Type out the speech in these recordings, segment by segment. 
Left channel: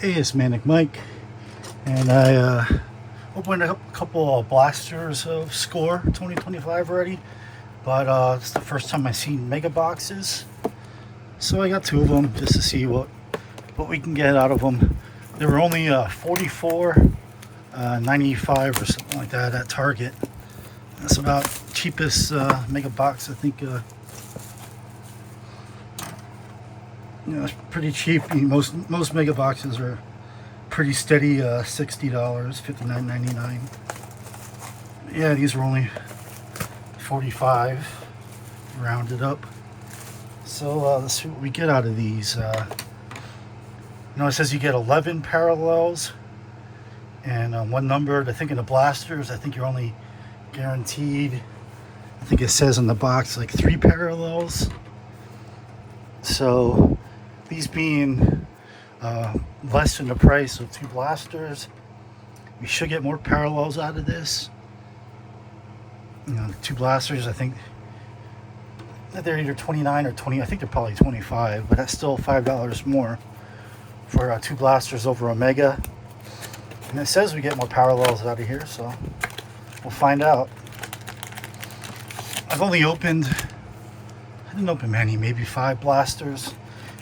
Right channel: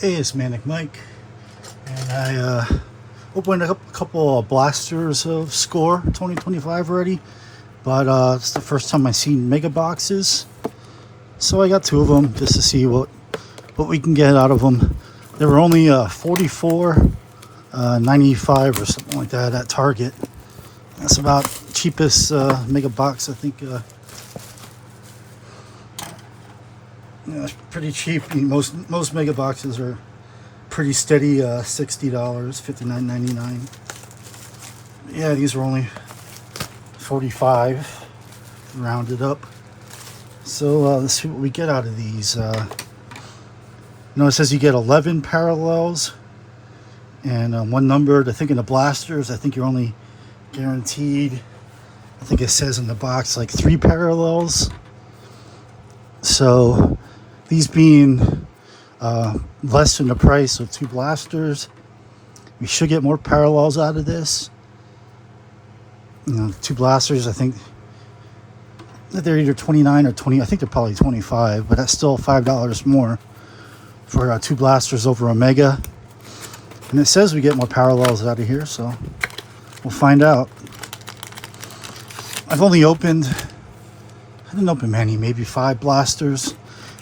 Hey, it's Manic Mike, and I opened up a couple of blasters of Score 2025 already, but it's the first time I've seen mega boxes, so I got two of them just to see what we can get out of them. They were only 44.95 or something like that at Target. That's about cheapest mega box I think. It's pretty cheap. Most mega boxes are pretty steady, $60, $59.99. Yeah, these are only 45, rounded up. So let's see what we get out of these. It says you get 11 parallels and one numbered. I think in the blasters, I think you're only guaranteed, I think it says on the box, like 3 parallels. So these being less than the price of 2 blasters, we should get more parallels out of this. 2 blasters, I think they're either 29 or 20. I think they're probably 25, but that's still $5 more for 2 blasters over a mega. And it says we get more parallels out of here, so we'll find out. I didn't open many, maybe 5 blasters.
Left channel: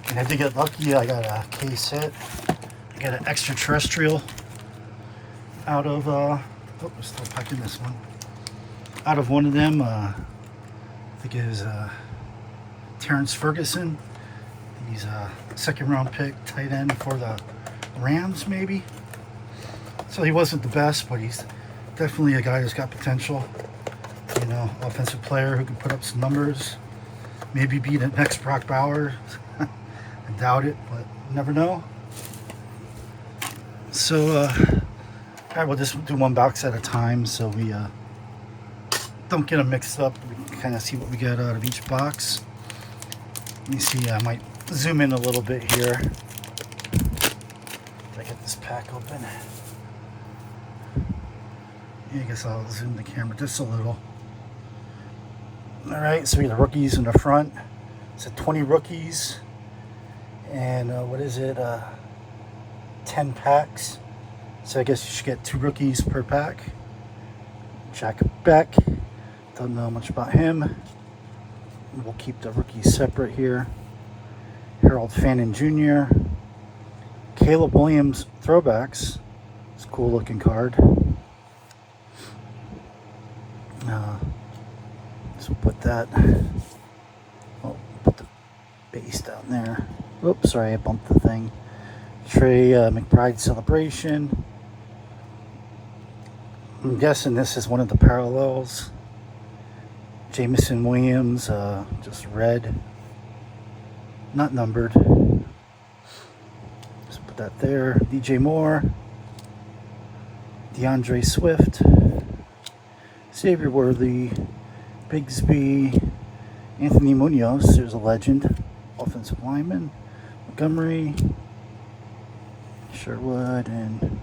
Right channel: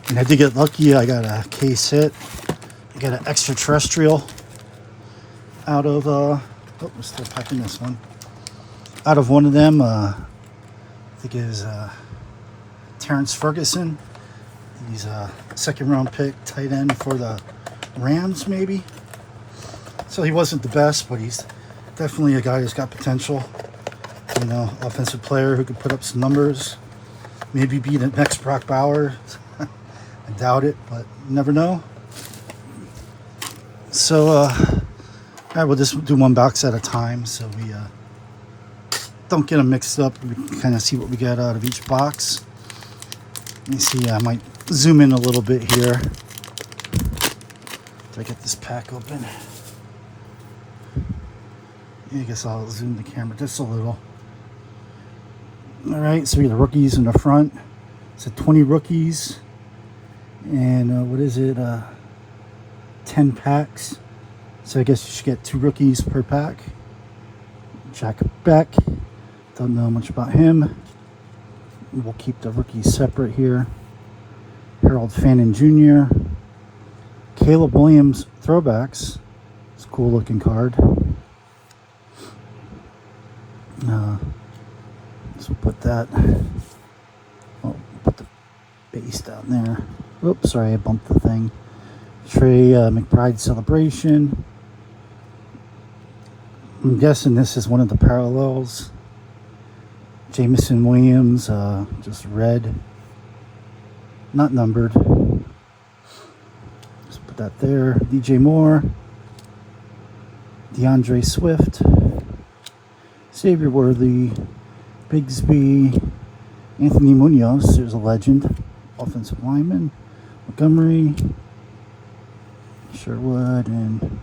And I did get lucky. I got a case hit. I got an extraterrestrial out of, we're still packing this one. Out of one of them, I think it is Terrence Ferguson. He's a second round pick, tight end for the Rams, maybe. So he wasn't the best, but he's definitely a guy who's got potential. Offensive player who could put up some numbers. Maybe be the next Brock Bowers. I doubt it, but you never know. So, all right, we'll just do one box at a time so we don't get them mixed up. We can kind of see what we got out of each box. Let me see, I might zoom in a little bit here. Did I get this pack open? Yeah, I guess I'll zoom the camera just a little. All right, so we got the rookies in the front. It's 20 rookies. And what is it? 10 packs. So I guess you should get 2 rookies per pack. Jack Beck. Don't know much about him. We'll keep the rookies separate here. Harold Fannin Jr. Caleb Williams throwbacks. It's a cool looking card. So put that. Put the base down there. Oops, sorry, I bumped the thing. Trey McBride celebration. I'm guessing this is one of the parallels. Jameson Williams, just red. Not numbered. Just put that there. DJ Moore. DeAndre Swift. Xavier Worthy. Bigsby. Anthony Munoz, there's a legend. Offensive lineman. Montgomery, Sherwood, and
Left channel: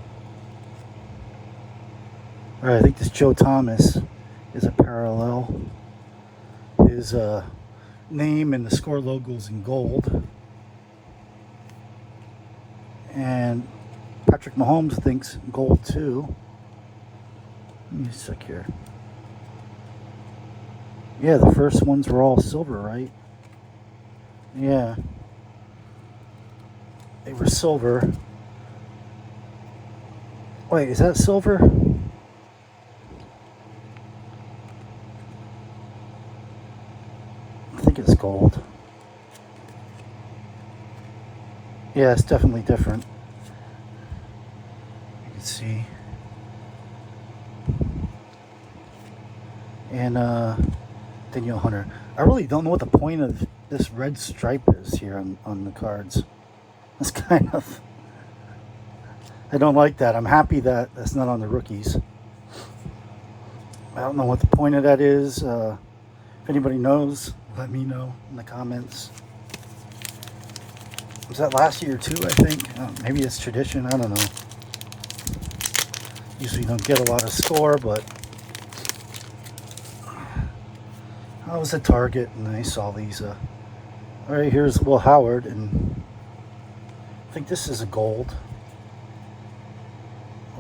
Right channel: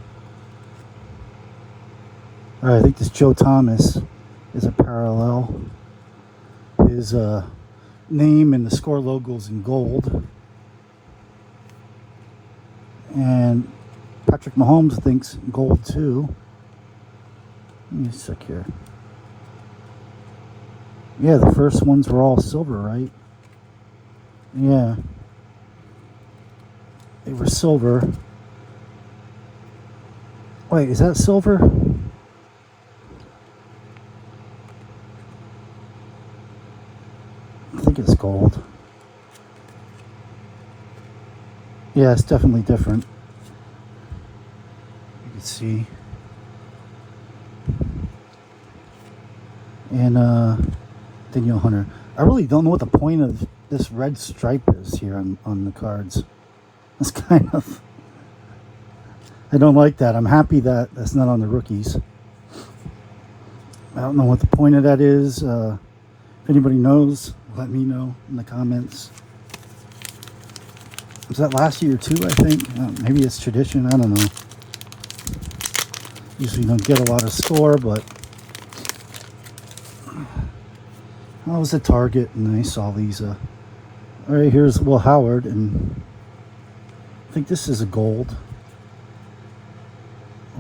all right, I think this Joe Thomas is a parallel. His name and the Score logos in gold, and Patrick Mahomes thinks gold too. Let me check here. Yeah, the first ones were all silver, right? Yeah. They were silver. Wait, is that silver? I think it's gold. Yeah, it's definitely different. You can see. And Daniel Hunter. I really don't know what the point of this red stripe is here on the cards. That's kind of, I don't like that. I'm happy that that's not on the rookies. I don't know what the point of that is. If anybody knows, let me know in the comments. Was that last year too, I think? Maybe it's tradition, I don't know. Usually don't get a lot of Score, but I was at Target and I saw these. All right, here's Will Howard, and I think this is a gold.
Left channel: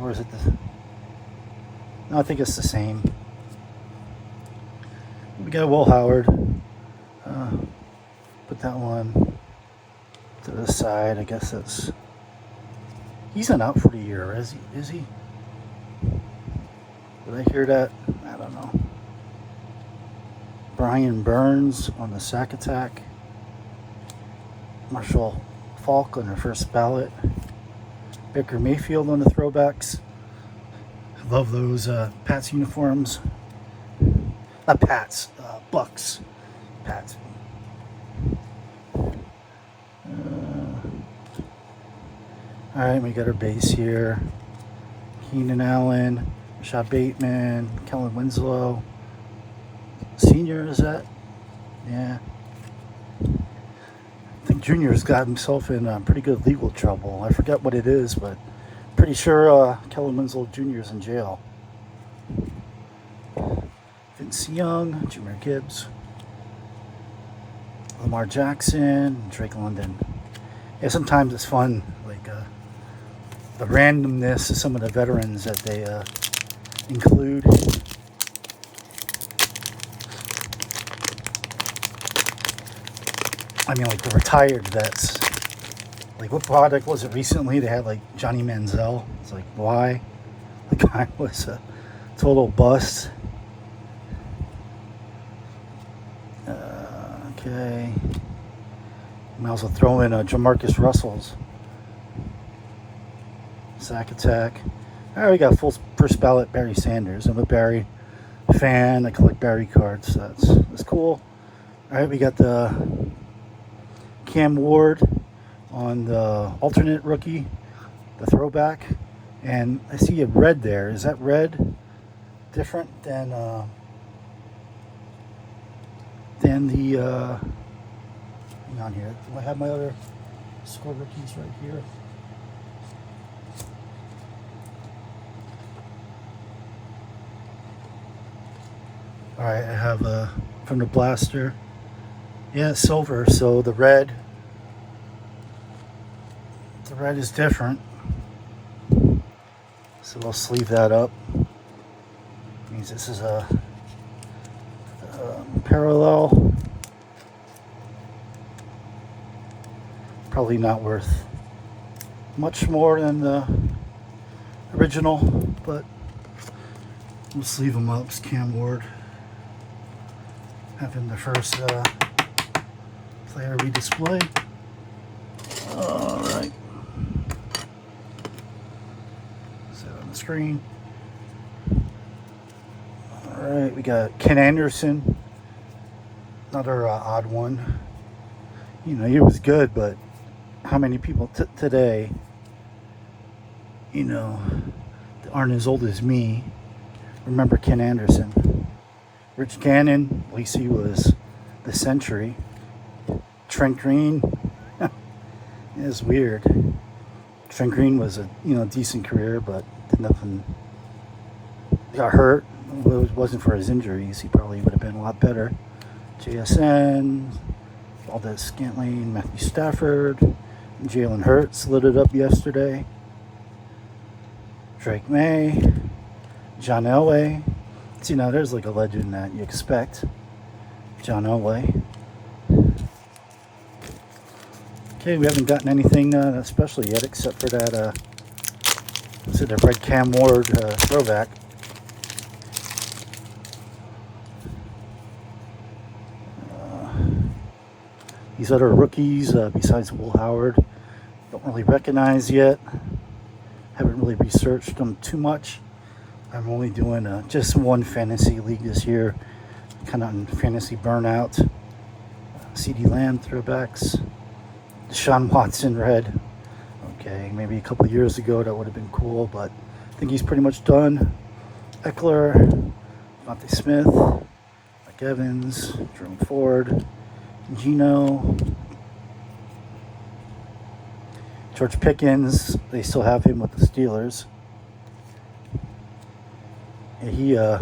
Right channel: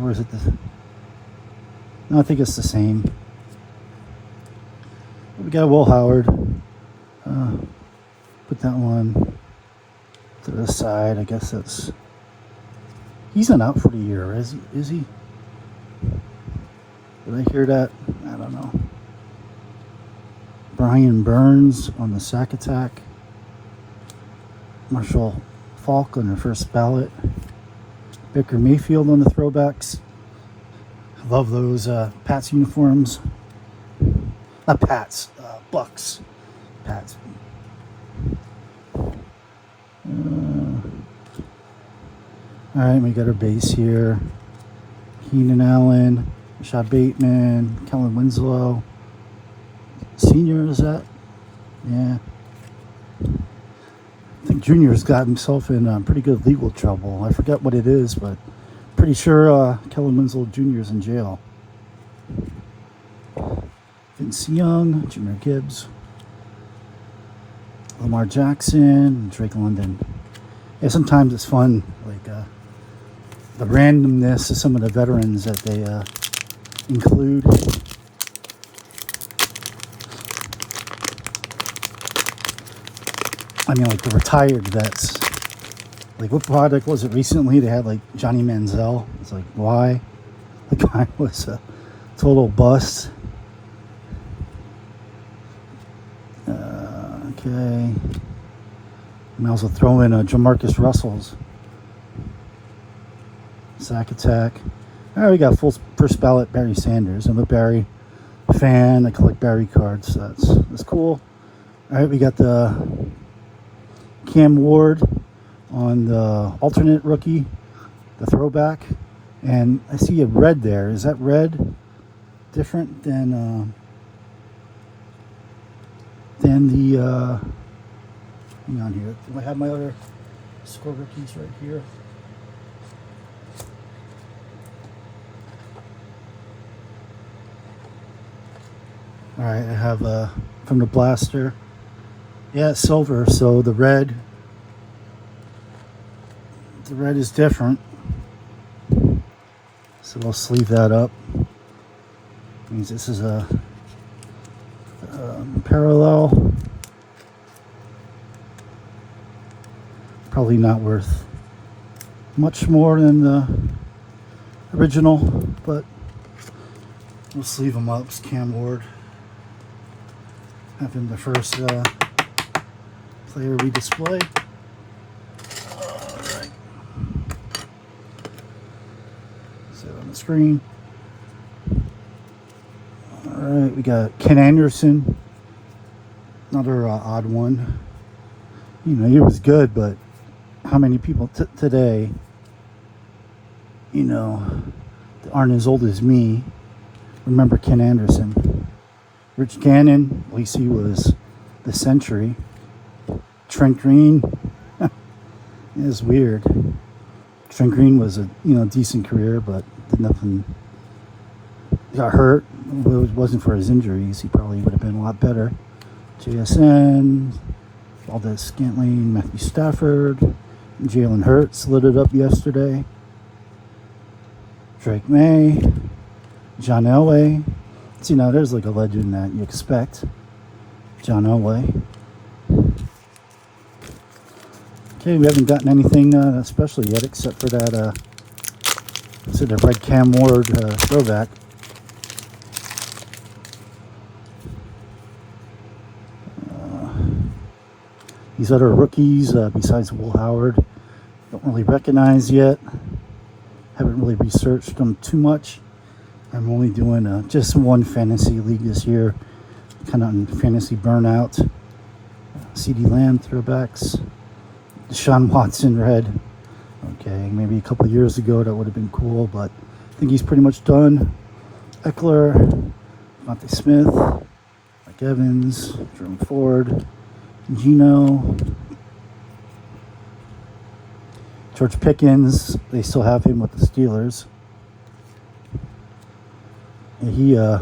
Or is it the... No, I think it's the same. We got Will Howard. Put that one to the side. I guess that's... He's not out for the year, is he? Did I hear that? I don't know. Brian Burns on the sack attack. Marshall Falk on the first ballot. Baker Mayfield on the throwbacks. I love those Pats uniforms. Not Pats, Bucks. Pats. Alright, we got our base here. Keenan Allen, Rashad Bateman, Kellen Winslow. Senior, is that? Yeah. I think Junior's got himself in pretty good legal trouble. I forget what it is, but pretty sure Kellen Winslow Jr. is in jail. Vince Young, Jahmyr Gibbs, Lamar Jackson, Drake London. Yeah, sometimes it's fun, like the randomness of some of the veterans that they include. I mean, like the retired vets. Like, what product was it recently? They had like Johnny Manziel. It's like, why? The guy was a total bust. Okay. And I also throw in Jamarcus Russell's sack attack. All right, we got full first ballot Barry Sanders. I'm a Barry fan. I collect Barry cards. So that's cool. All right, we got the Cam Ward on the alternate rookie, the throwback, and I see a red there. Is that red different than the hang on here. Do I have my other score rookies right here? All right, I have from the blaster. Yeah, it's silver, so the red is different. So we'll sleeve that up. Means this is a parallel. Probably not worth much more than the original, but we'll sleeve them up. It's Cam Ward. Have him the first player we display. Alright. Set on the screen. Alright, we got Ken Anderson. Another odd one. You know, he was good, but how many people today, you know, that aren't as old as me, remember Ken Anderson? Rich Gannon, at least he was the century. Trent Green, it's weird. Trent Green was a decent career, but did nothing. Got hurt. If it wasn't for his injuries, he probably would have been a lot better. JSN, Valdez Scantling, Matthew Stafford, Jalen Hurts lit it up yesterday. Drake May, John Elway. See, now there's like a legend that you expect. John Elway. Okay, we haven't gotten anything special yet except for that, the red Cam Ward throwback. These other rookies, besides Will Howard, don't really recognize yet. Haven't really researched them too much. I'm only doing just one fantasy league this year, kind of on fantasy burnout. CeeDee Lamb throwbacks. Deshaun Watson red. Okay, maybe a couple of years ago that would have been cool, but I think he's pretty much done. Eckler, Devontae Smith, Mike Evans, Jeremy Ford, Gino, George Pickens. They still have him with the Steelers. Yeah,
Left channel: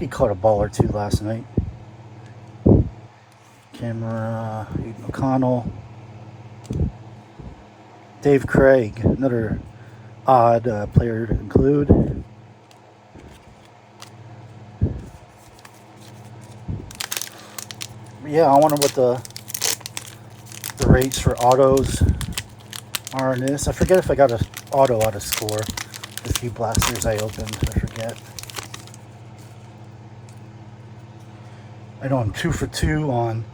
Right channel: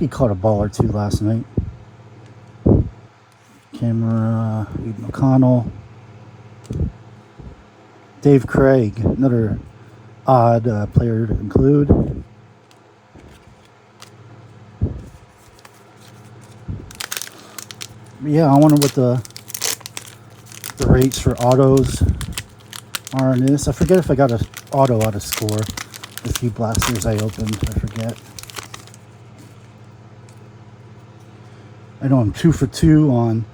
he caught a ball or two last night. Camera, McConnell, Dave Craig, another odd player to include. Yeah, I wonder what the rates for autos are in this. I forget if I got an auto out of score. The few blasters I opened, I forget. I know I'm 2 for 2 on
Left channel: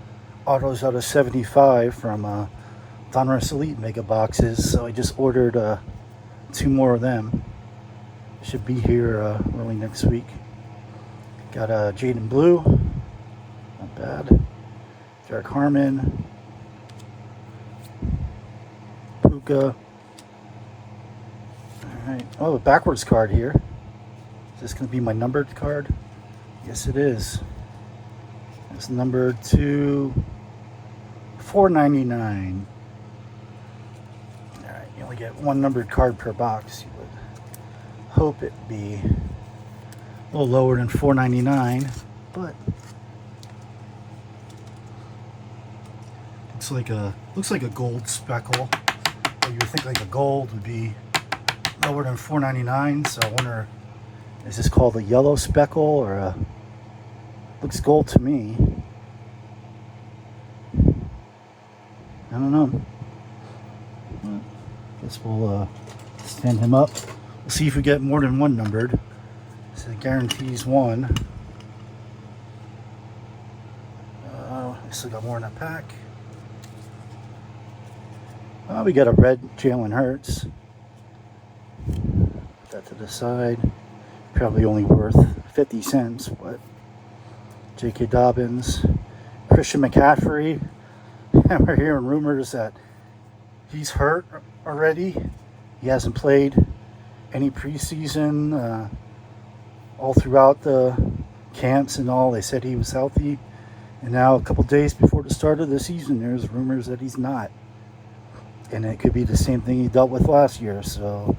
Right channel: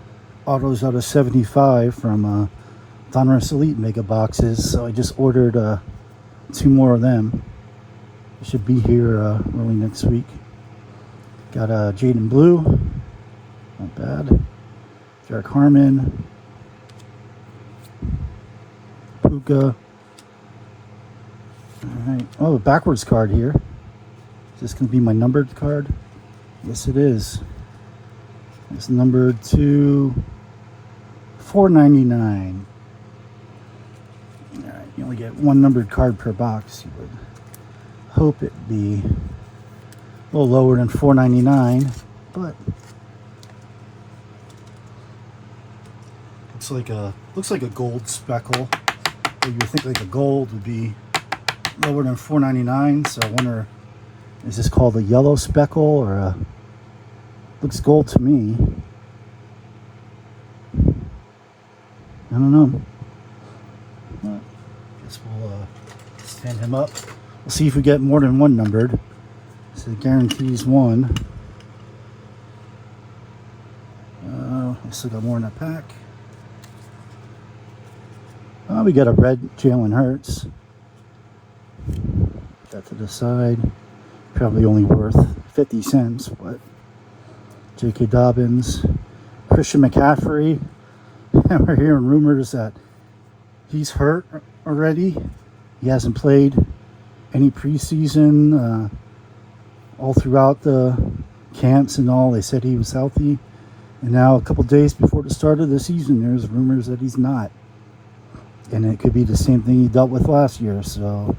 autos out of 75 from Donruss Elite Mega Boxes, so I just ordered 2 more of them. They should be here early next week. Got Jaden Blue, not bad. Derek Harmon, Puka. Alright, oh, a backwards card here. Is this going to be my numbered card? Yes, it is. It's numbered to 499. Alright, you only get 1 numbered card per box. You would hope it'd be a little lower than 499, but looks like a gold speckle. You would think like a gold would be lower than 499, so I wonder, is this called a yellow speckle or a, looks gold to me. I don't know. Well, guess we'll stand him up. We'll see if we get more than 1 numbered. So it guarantees 1. I still got more in that pack. We got a red Jalen Hurts. Put that to the side. Probably only worth 50 cents, but J.K. Dobbins, Christian McCaffrey. And we're hearing rumors that he's hurt already. He hasn't played any preseason. All throughout the camps and all, they said he was healthy. And now, a couple days before the start of the season, there's rumors that he's not. And it could be the same thing he dealt with last year, so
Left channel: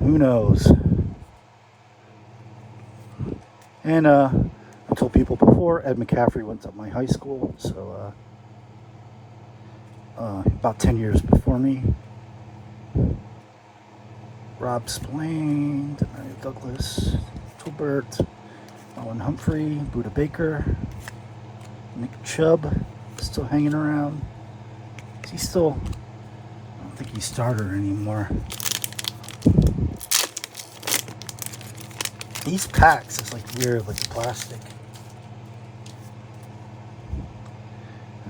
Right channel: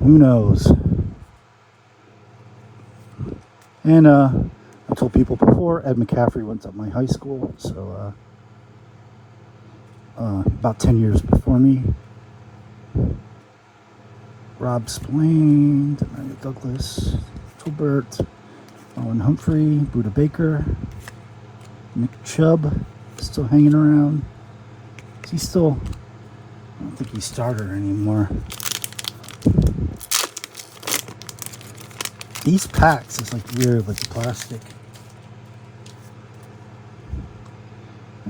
who knows? And I told people before, Ed McCaffrey went to my high school, so about 10 years before me. Rob Spillane, Demario Douglas, Tolbert, Owen Humphrey, Buda Baker, Nick Chubb, still hanging around. Is he still? I don't think he's starter anymore. These packs is like weird, like the plastic.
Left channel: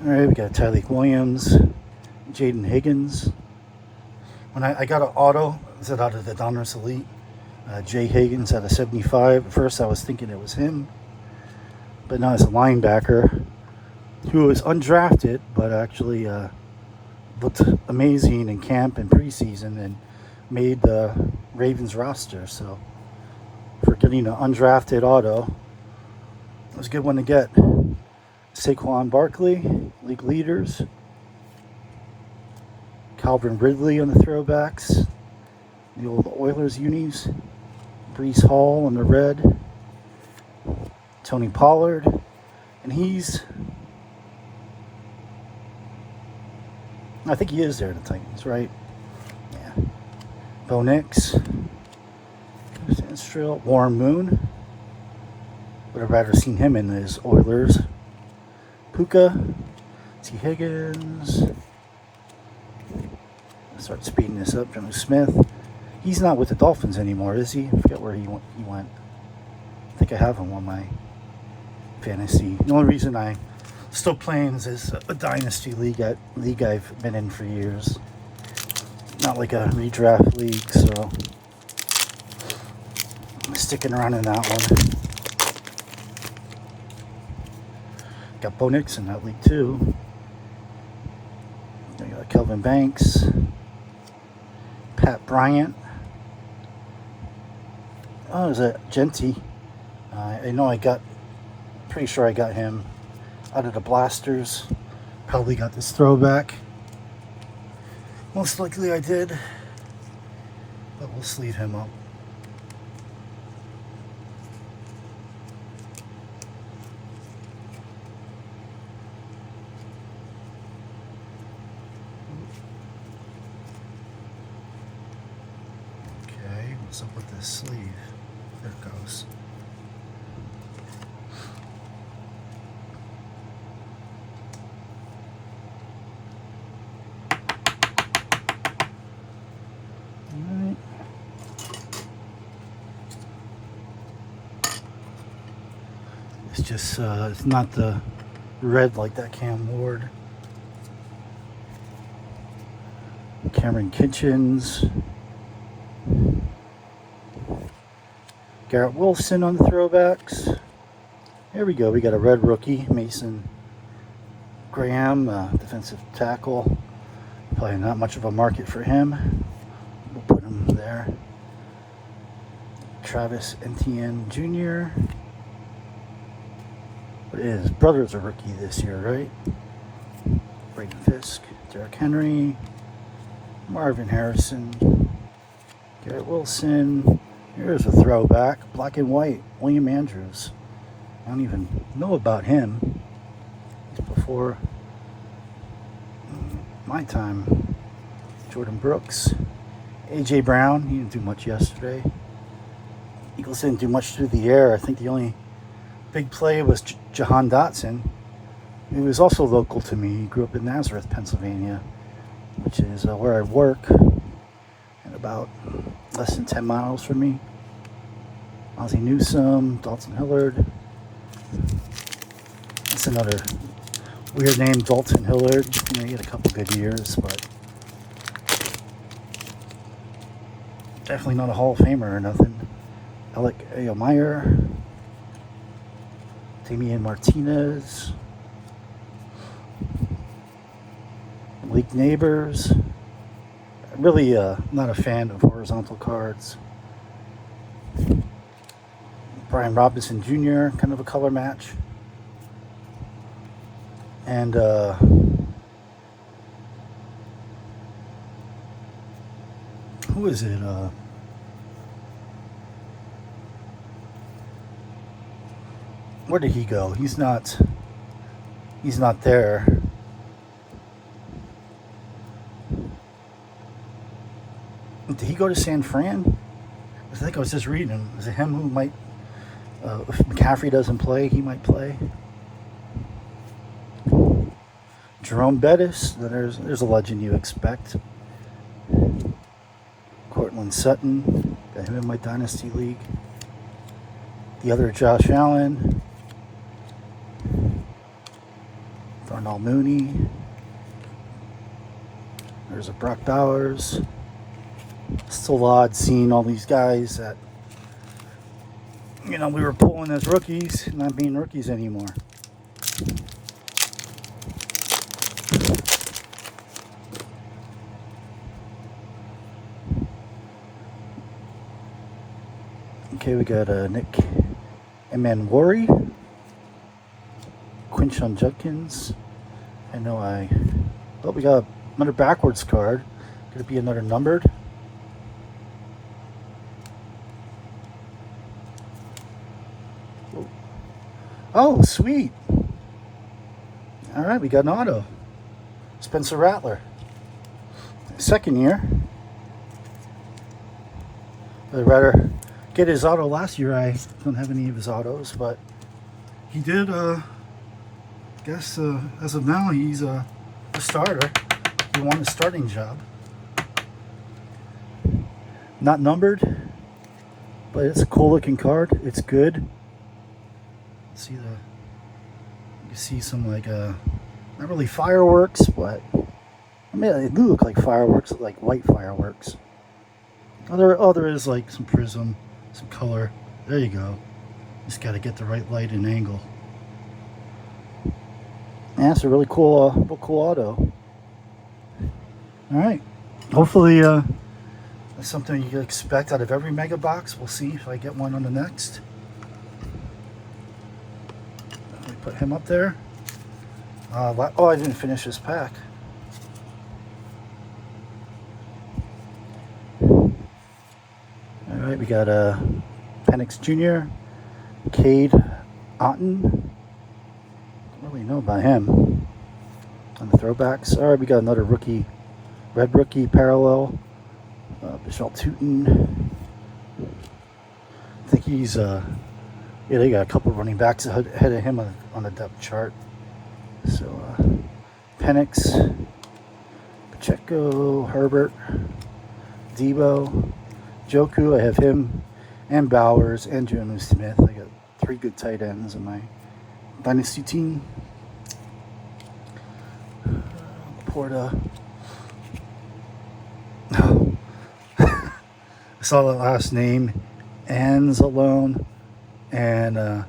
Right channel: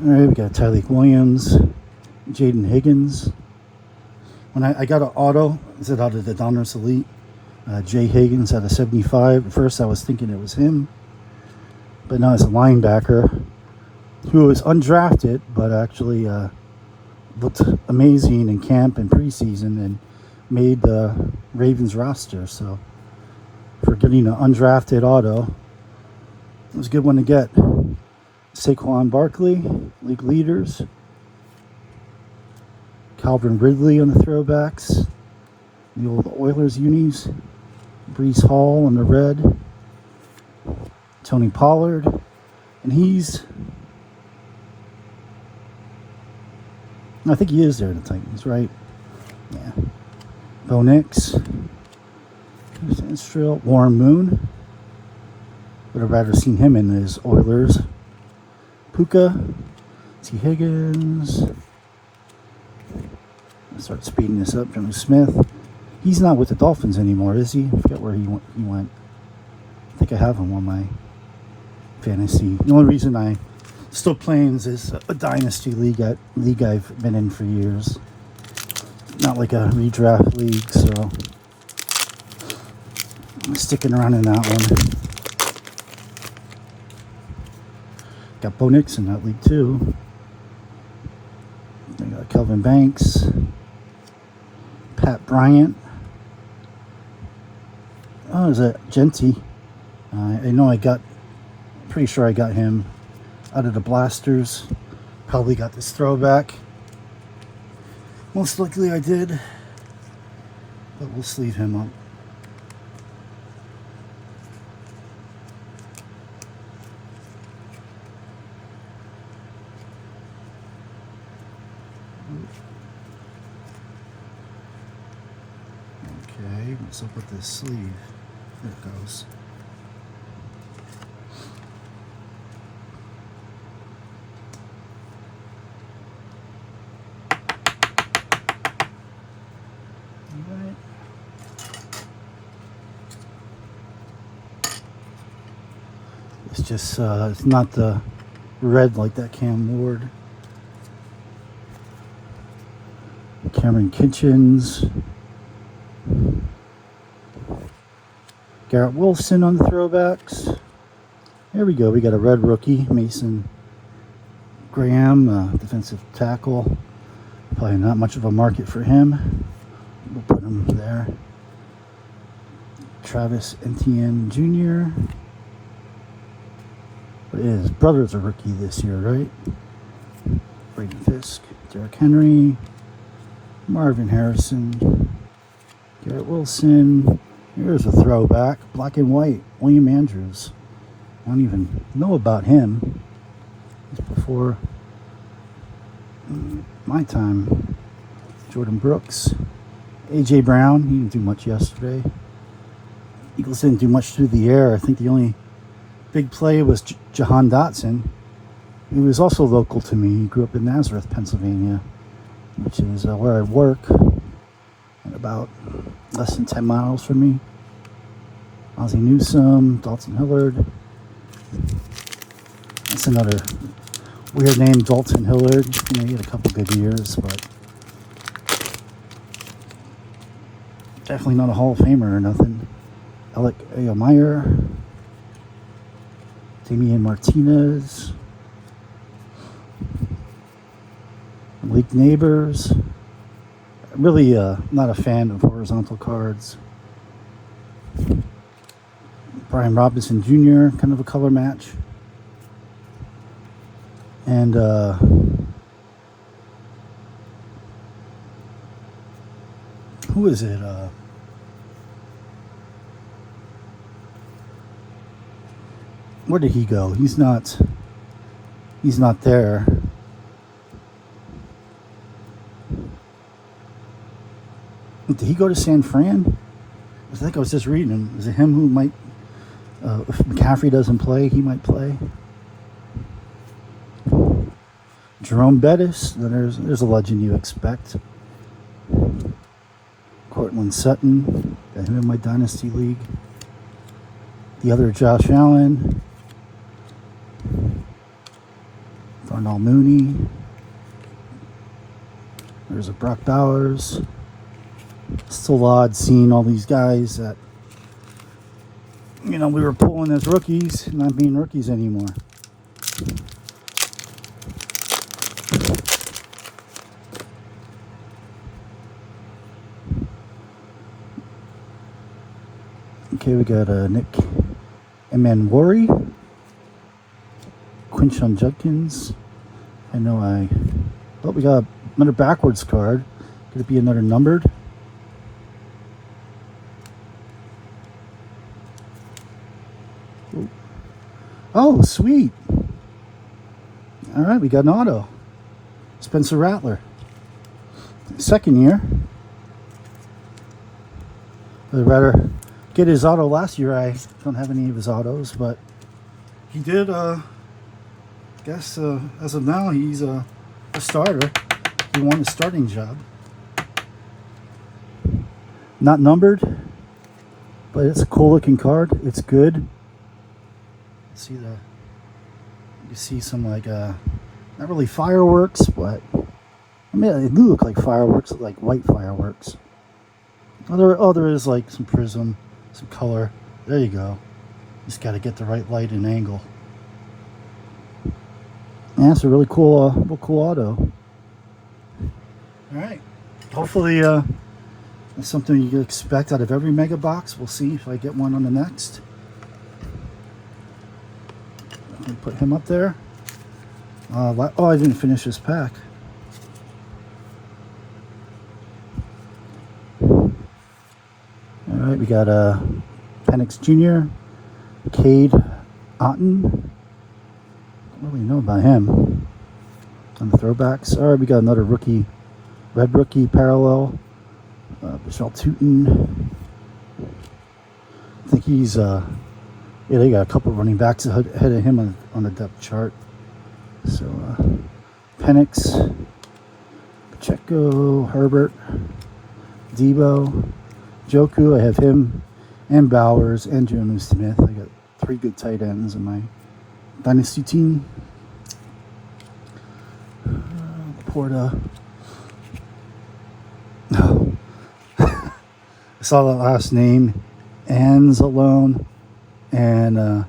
Alright, we got Tyreek Williams, Jaden Higgins. When I got an auto, is it out of the Donruss Elite? Jay Higgins out of 75. At first I was thinking it was him, but no, it's a linebacker who was undrafted, but actually looked amazing in camp and preseason and made the Ravens roster. So for getting an undrafted auto, it was a good one to get. Saquon Barkley, league leaders. Calvin Ridley on the throwbacks. The old Oilers unis. Breece Hall on the red. Tony Pollard. And I think he is there at the Titans, right? Yeah. Bo Nix. Warren Moon. Would have rather seen him in his Oilers. Puka. T. Higgins. Start speeding this up. Jonnu Smith. He's not with the Dolphins anymore, is he? I forget where he went. I think I have him on my fantasy. The only reason I still playing is a dynasty league I've been in for years. Not like a redraft league, so I'm sticking around in that one. Got Bo Nix in that league too. I got Kelvin Banks, Pat Bryant. Oh, is that Genty? I know pretty sure I got him out of the blasters. Probably got this throwback. Most likely I did, but we'll sleeve him up. What's up with this sleeve? There it goes. Alright. It's just, it's not the red like that Cam Ward. Cameron Kitchens. Garrett Wilson on the throwbacks. Here we go. We got a red rookie, Mason Graham, defensive tackle. Probably not much of a market for him. We'll put him there. Travis Etienne Jr. But his brother's a rookie this year, right? Braden Fisk, Derrick Henry, Marvin Harrison, Garrett Wilson. Here's a throwback, black and white, William Andrews. I don't even know about him. It's before my time. Jordan Brooks, A.J. Brown. He didn't do much yesterday. Eagles didn't do much through the air. I think the only big play was Jahan Dotson. He was also local to me. He grew up in Nazareth, Pennsylvania, which is where I work, and about less than 10 miles from me. Ozzie Newsome, Dalton Hillard. That's another weird name, Dalton Hillard. You know, he had a couple good years, but definitely not a Hall of Famer or nothing. Alec Ayomeyer, Damian Martinez, Malik Neighbors. Really not a fan of horizontal cards. Brian Robinson Jr., kind of a color match. And who is it? Where did he go? He's not there. Did he go to San Fran? I think I was just reading him. Is it him who might, if McCaffrey doesn't play, he might play? Jerome Bettis, there's a legend you expect. Cortland Sutton, got him in my Dynasty League. The other Josh Allen. Darnell Mooney. There's a Brock Bowers. Still odd seeing all these guys that, you know, we were pulling as rookies, not being rookies anymore. Okay, we got Nick Emanwari, Quinshon Judkins. Oh, we got another backwards card. Could it be another numbered? Oh, sweet. All right, we got an auto. Spencer Rattler. Second year. I'd rather get his auto last year. I don't have any of his autos, but he did, I guess, as of now, he's a starter. He won a starting job. Not numbered, but it's a cool looking card. It's good. You see some like not really fireworks, but I mean they do look like fireworks, like white fireworks. There is like some prism, some color. There you go. Just got to get the right light and angle. Yeah, it's a really cool auto. All right, hopefully that's something you can expect out of every mega box. We'll see if I get one on the next. Put him up there. Oh, I didn't finish this pack. All right, we got Penix Jr., Cade Otton. Don't really know about him. On the throwbacks. All right, we got another rookie, red rookie parallel. Michelle Tootin, think he's yeah, they got a couple running backs ahead of him on the depth chart. So Penix, Pacheco, Herbert, Debo, Joku. I have him and Bowers and Jonnu Smith. I got 3 good tight ends in my dynasty team. Porta. I saw the last name, Anzalone, and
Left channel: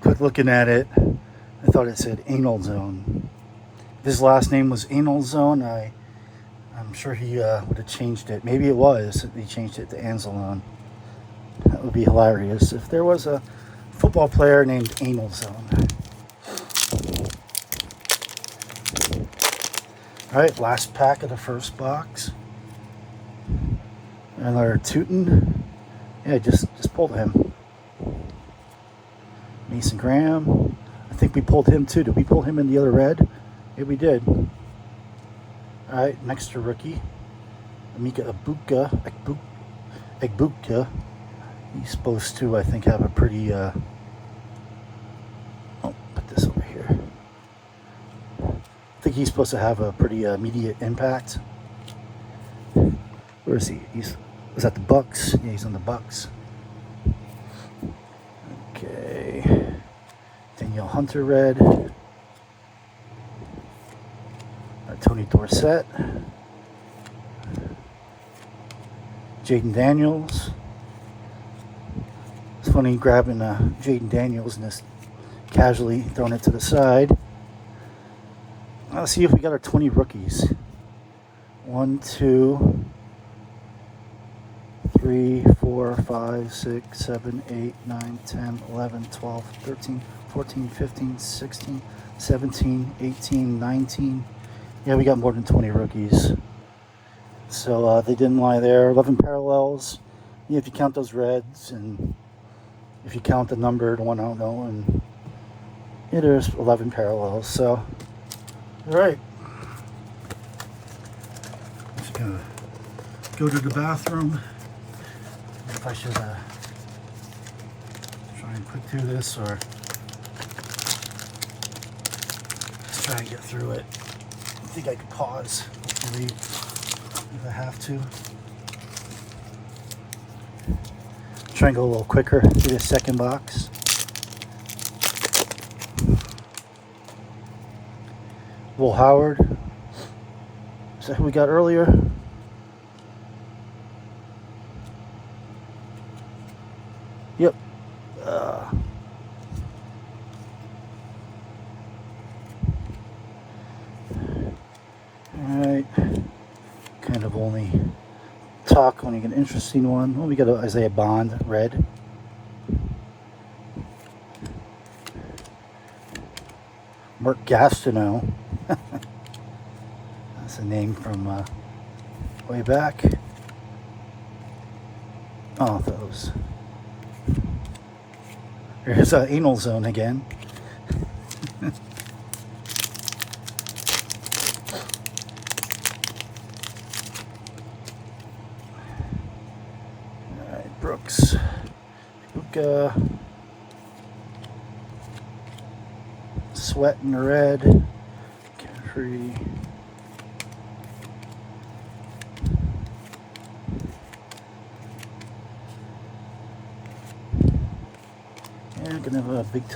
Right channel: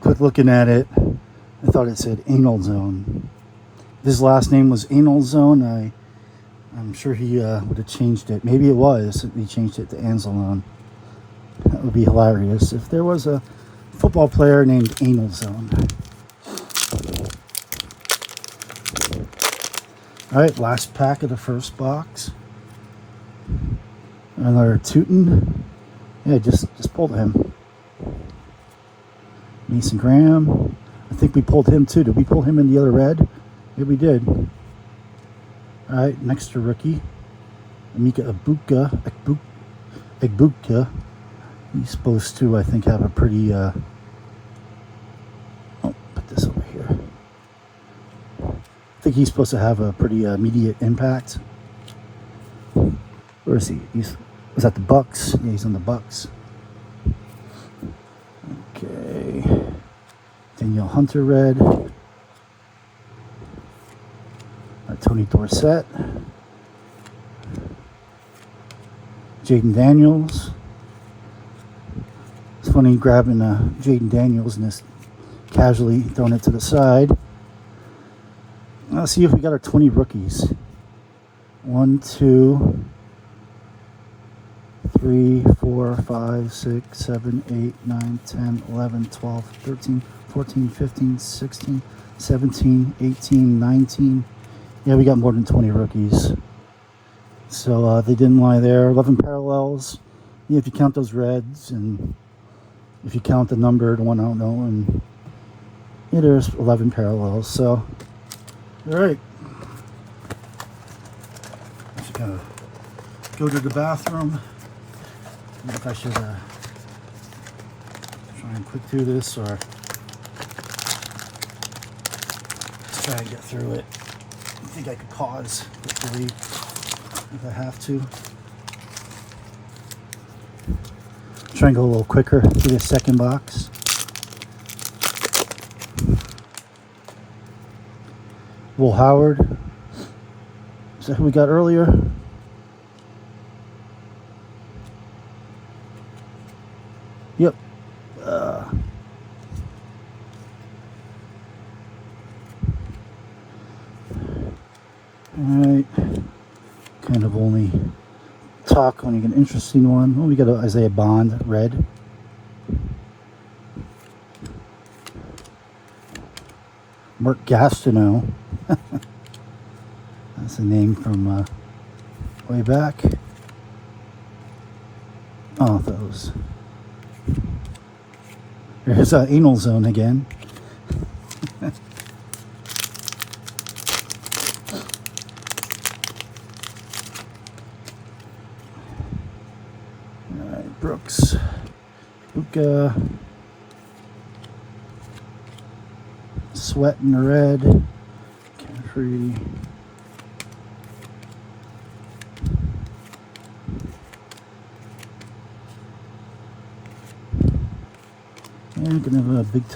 quick looking at it, I thought it said Anal Zone. If his last name was Anal Zone, I'm sure he would have changed it. Maybe it was. He changed it to Anzalone. That would be hilarious if there was a football player named Anal Zone. All right, last pack of the first box. Another Tootin. Yeah, just pulled him. Mason Graham. I think we pulled him too. Did we pull him in the other red? Yeah, we did. All right, next to rookie. Emeka Egbuka. He's supposed to, I think, have a pretty... oh, put this over here. I think he's supposed to have a pretty immediate impact. Where is he? Was that the Bucks? Yeah, he's on the Bucks. Okay. Danielle Hunter red. Tony Dorsett. Jaden Daniels. It's funny grabbing Jaden Daniels and just casually throwing it to the side. Let's see if we got our 20 rookies. 1, 2, 3, 4, 5, 6, 7, 8, 9, 10, 11, 12, 13, 14, 15, 16, 17, 18, 19. Yeah, we got more than 20 rookies. So they didn't lie there. 11 parallels. Yeah, if you count those reds and if you count the numbered one, I don't know. And yeah, there's 11 parallels. So, all right. Just gonna go to the bathroom. If I should try and quick through this or let's try and get through it. I think I could pause hopefully if I have to. Try and go a little quicker through the second box. Will Howard. Is that who we got earlier? Yep. Alright. Kind of only talk on an interesting one. Well, we got a Isaiah Bond red. Mark Gastineau. That's a name from way back. Oh, I thought it was... There's Anal Zone again. Alright, Brooks. Luka. Sweat in the red. Carefree. Yeah, gonna have a big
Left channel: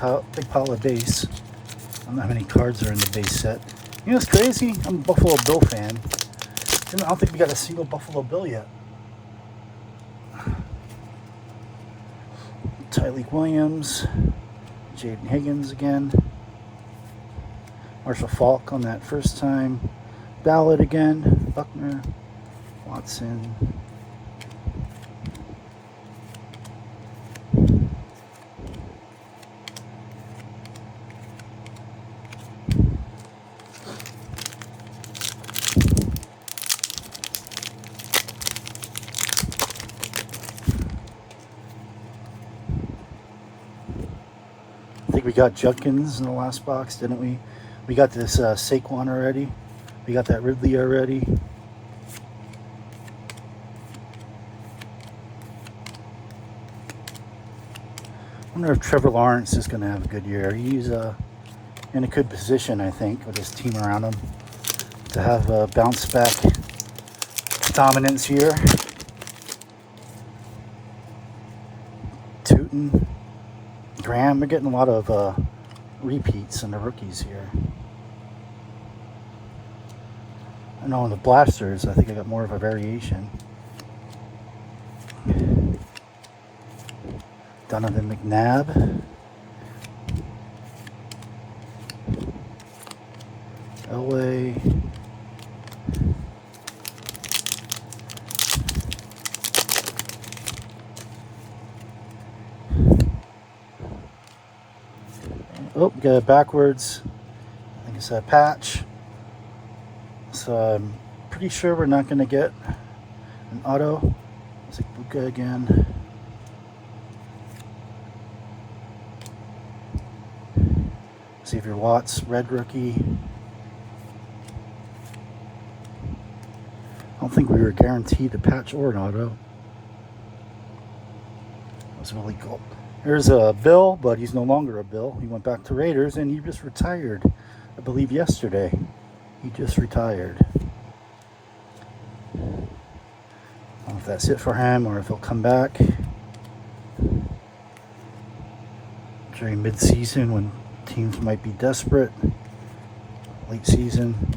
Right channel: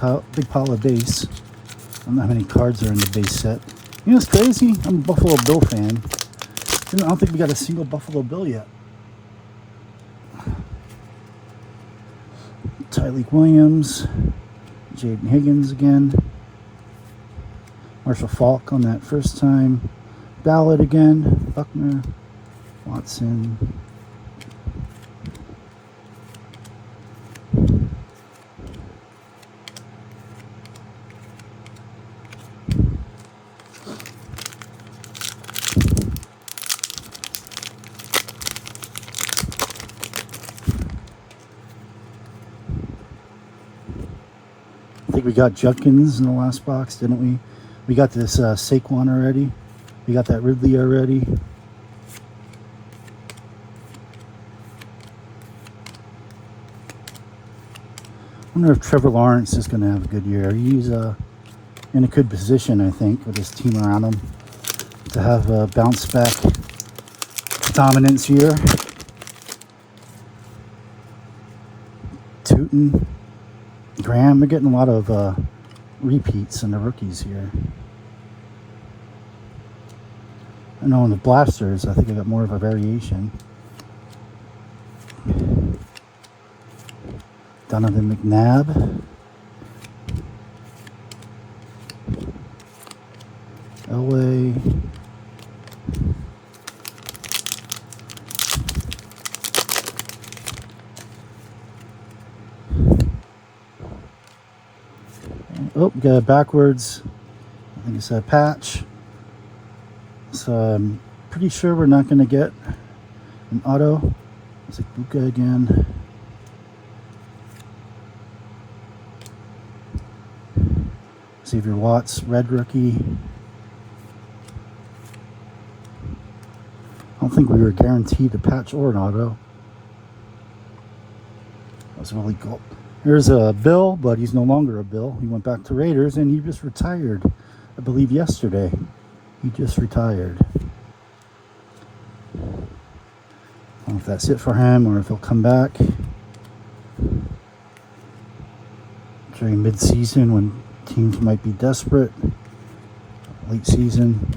pile of base. I don't know how many cards are in the base set. You know, it's crazy. I'm a Buffalo Bill fan. I don't think we got a single Buffalo Bill yet. Tyleek Williams, Jaden Higgins again, Marshall Faulk on that first time, Ballard again, Buckner, Watson. I think we got Judkins in the last box, didn't we? We got this Saquon already. We got that Ridley already. wonder if Trevor Lawrence is going to have a good year. He's in a good position, I think, with his team around him to have a bounce back dominance year. Tootin, Graham, we're getting a lot of repeats in the rookies here. I know in the blasters, I think I got more of a variation. Donovan McNabb. Elway. Oh, got it backwards. I think it's a patch. So I'm pretty sure we're not going to get an auto. It's like Buka again. Xavier Watts, red rookie. I don't think we were guaranteed a patch or an auto. That was really cool. Here's a Bill, but he's no longer a Bill. He went back to Raiders and he just retired, I believe yesterday. He just retired. I don't know if that's it for him or if he'll come back during mid-season when teams might be desperate. Late season.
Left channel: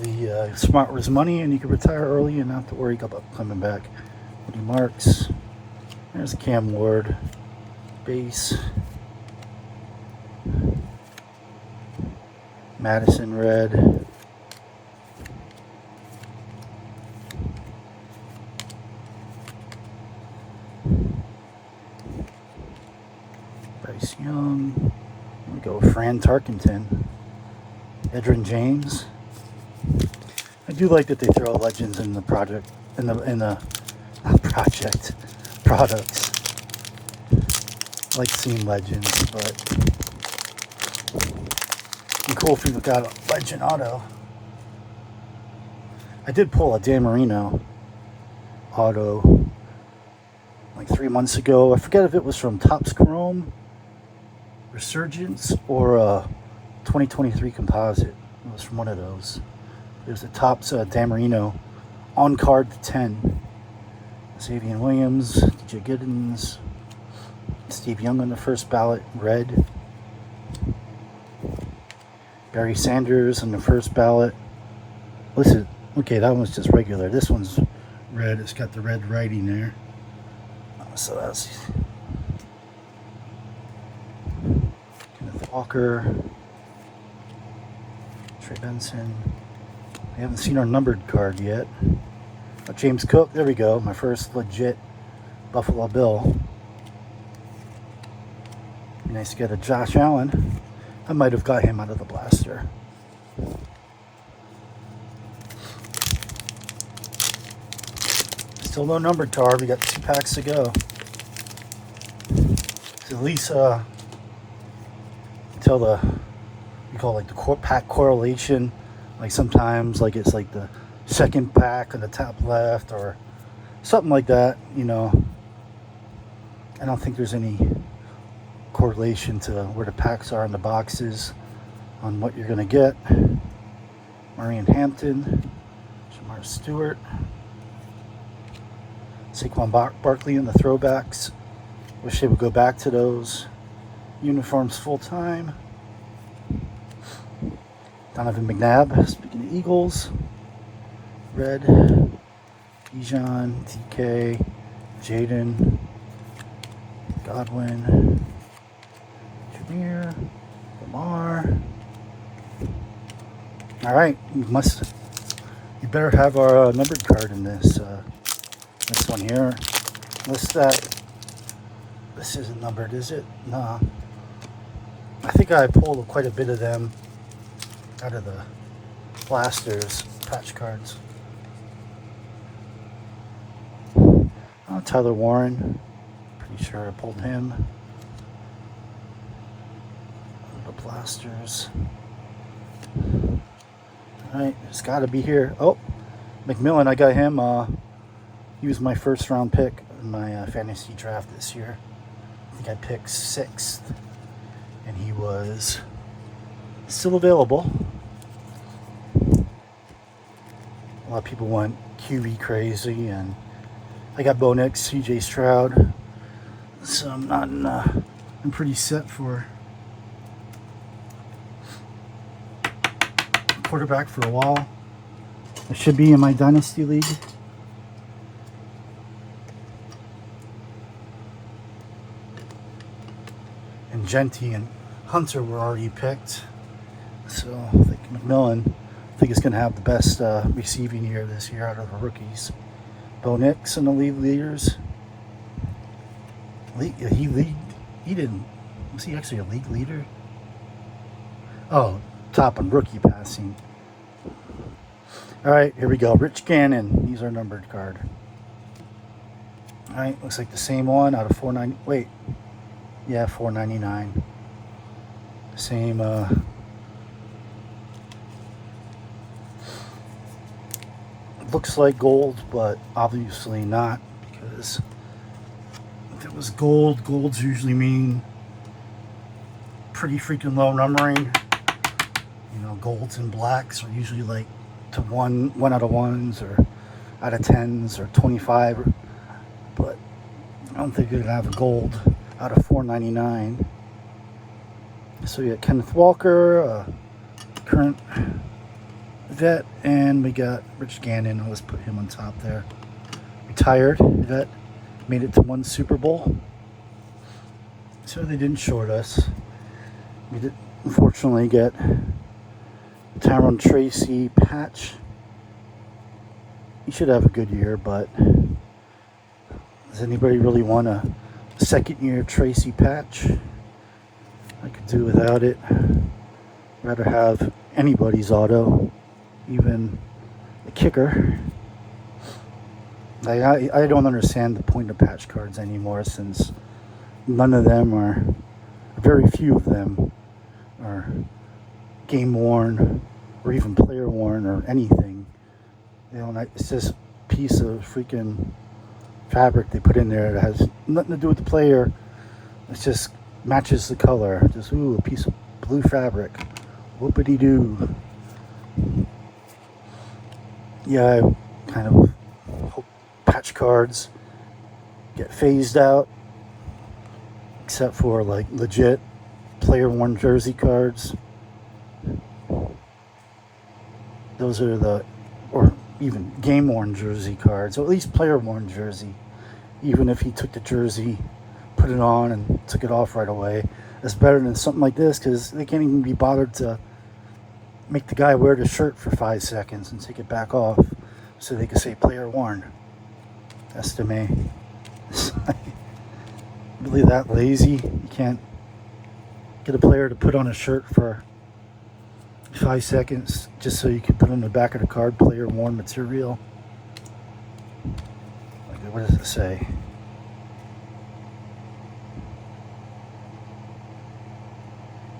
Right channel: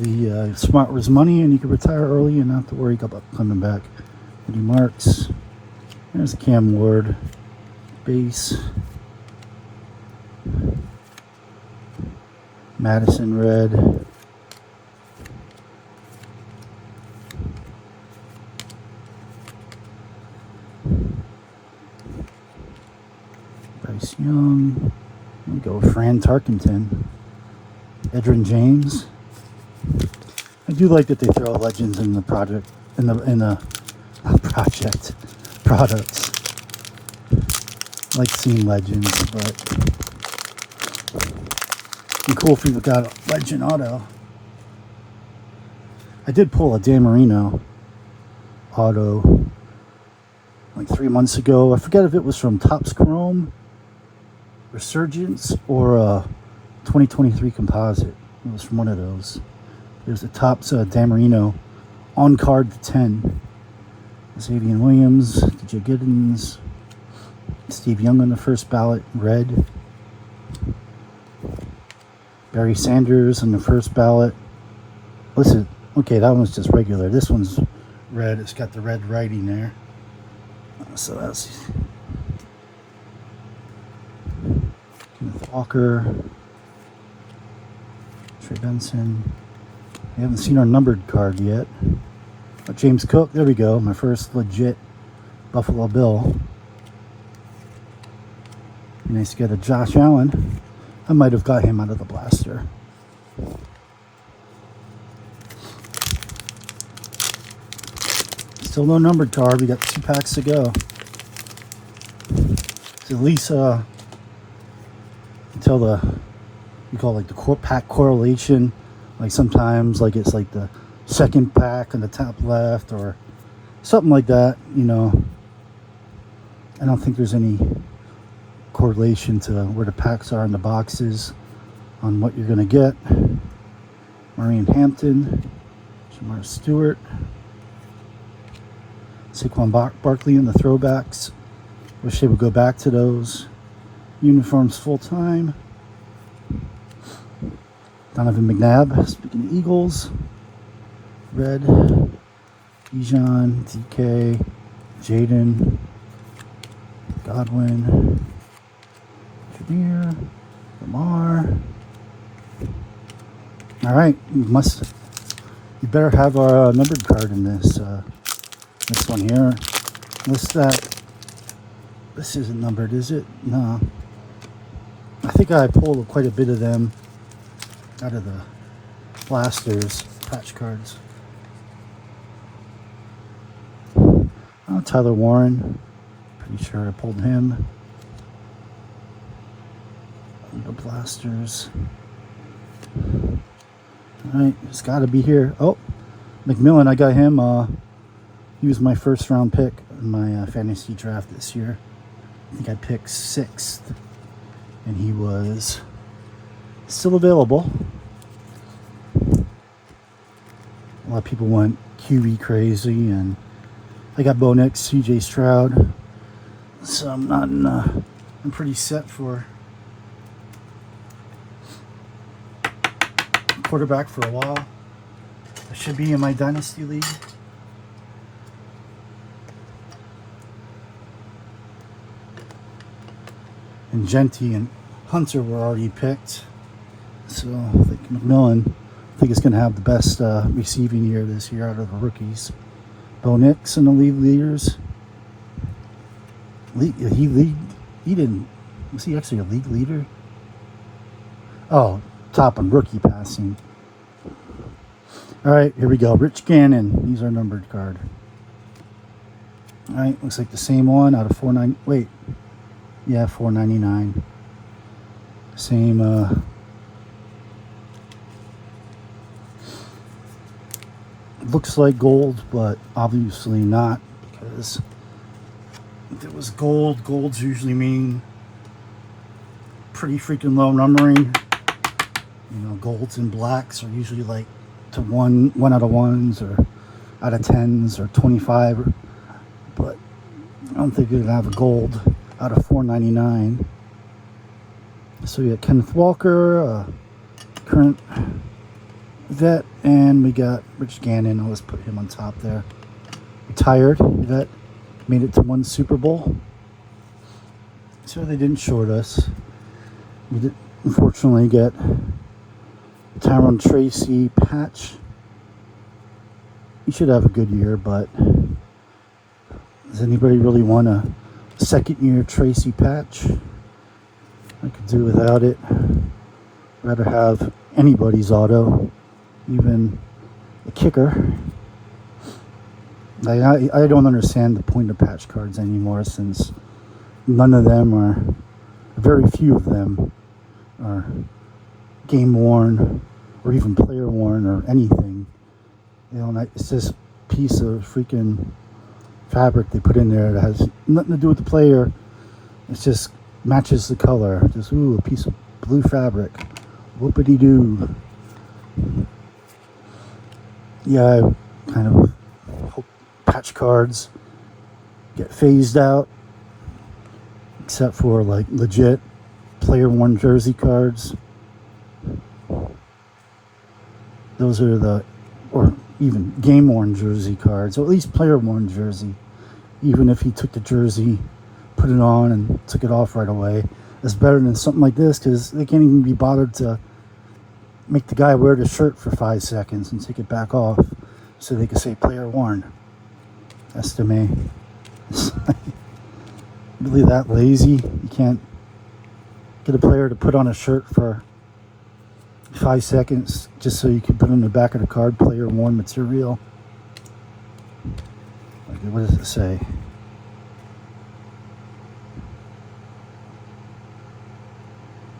The smart was money and you could retire early and not have to worry about coming back. Eddie Marks. There's Cam Ward. Base. Madison red. Bryce Young. There we go. Fran Tarkenton. Edgerrin James. I do like that they throw legends in the project, in the project products. I like seeing legends, but it'd be cool if we got a legend auto. I did pull a Dan Marino auto like 3 months ago. I forget if it was from Topps Chrome, Resurgence, or a 2023 Composite. It was from one of those. There's a Topps Dan Marino on card to 10. Xavier Williams, DJ Giddens, Steve Young on the first ballot, red. Barry Sanders on the first ballot. Listen, okay, that one's just regular. This one's red. It's got the red writing there. So that's Kenneth Walker, Trey Benson. We haven't seen our numbered card yet. Oh, James Cook, there we go. My first legit Buffalo Bill. Nice to get a Josh Allen. I might have got him out of the blaster. Still no numbered card. We got 2 packs to go. So at least until we call it like the pack correlation. Like sometimes like it's like the second pack on the top left or something like that, you know. I don't think there's any correlation to where the packs are in the boxes on what you're going to get. Marion Hampton, Jamar Stewart, Saquon Barkley in the throwbacks. Wish they would go back to those uniforms full time. Donovan McNabb, speaking of Eagles, red. Bijan, DK, Jaden, Godwin, Jameer, Lamar. All right, you better have our numbered card in this one here. This isn't numbered, is it? No. I think I pulled quite a bit of them out of the blasters patch cards. Tyler Warren, pretty sure I pulled him. The blasters. All right, it's got to be here. Oh, McMillan, I got him. He was my first round pick in my fantasy draft this year. I think I picked 6th, and he was still available. A lot of people went QB crazy, and I got Bo Nix, CJ Stroud, so I'm pretty set for quarterback for a while. I should be in my dynasty league. And Genty and Hunter were already picked. So I think McMillan, I think is going to have the best receiving year this year out of the rookies. Bo Nix in the league leaders. He didn't. Was he actually a league leader? Oh, top on rookie passing. All right, here we go. Rich Gannon. He's our numbered card. All right, looks like the same one out of 490. Wait, yeah, 499. Same. Looks like gold, but obviously not, because if it was gold, golds usually mean pretty freaking low numbering. You know, golds and blacks are usually like to one out of 1s or out of 10s or 25, but I don't think you're gonna have a gold out of 499. So we got Kenneth Walker, current vet, and we got Rich Gannon. I'll just put him on top there. Retired vet, made it to 1 Super Bowl. So they didn't short us. We did unfortunately get Tyrone Tracy patch. He should have a good year, but does anybody really want a second year Tracy patch? I could do without it. Rather have anybody's auto, even a kicker. I don't understand the point of patch cards anymore, since none of them are, very few of them are game worn or even player worn or anything. You know, it's just a piece of freaking fabric they put in there that has nothing to do with the player. It just matches the color. Just, ooh, a piece of blue fabric. Whoopity-doo. Yeah, I kind of hope patch cards get phased out, except for like legit player worn jersey cards. Those are or even game worn jersey cards, or at least player worn jersey. Even if he took the jersey, put it on, and took it off right away, it's better than something like this, because they can't even be bothered to make the guy wear the shirt for 5 seconds and take it back off so they can say player worn. That's to me. It's like, really that lazy? You can't get a player to put on a shirt for 5 seconds just so you can put on the back of the card player worn material? Like, what does it say?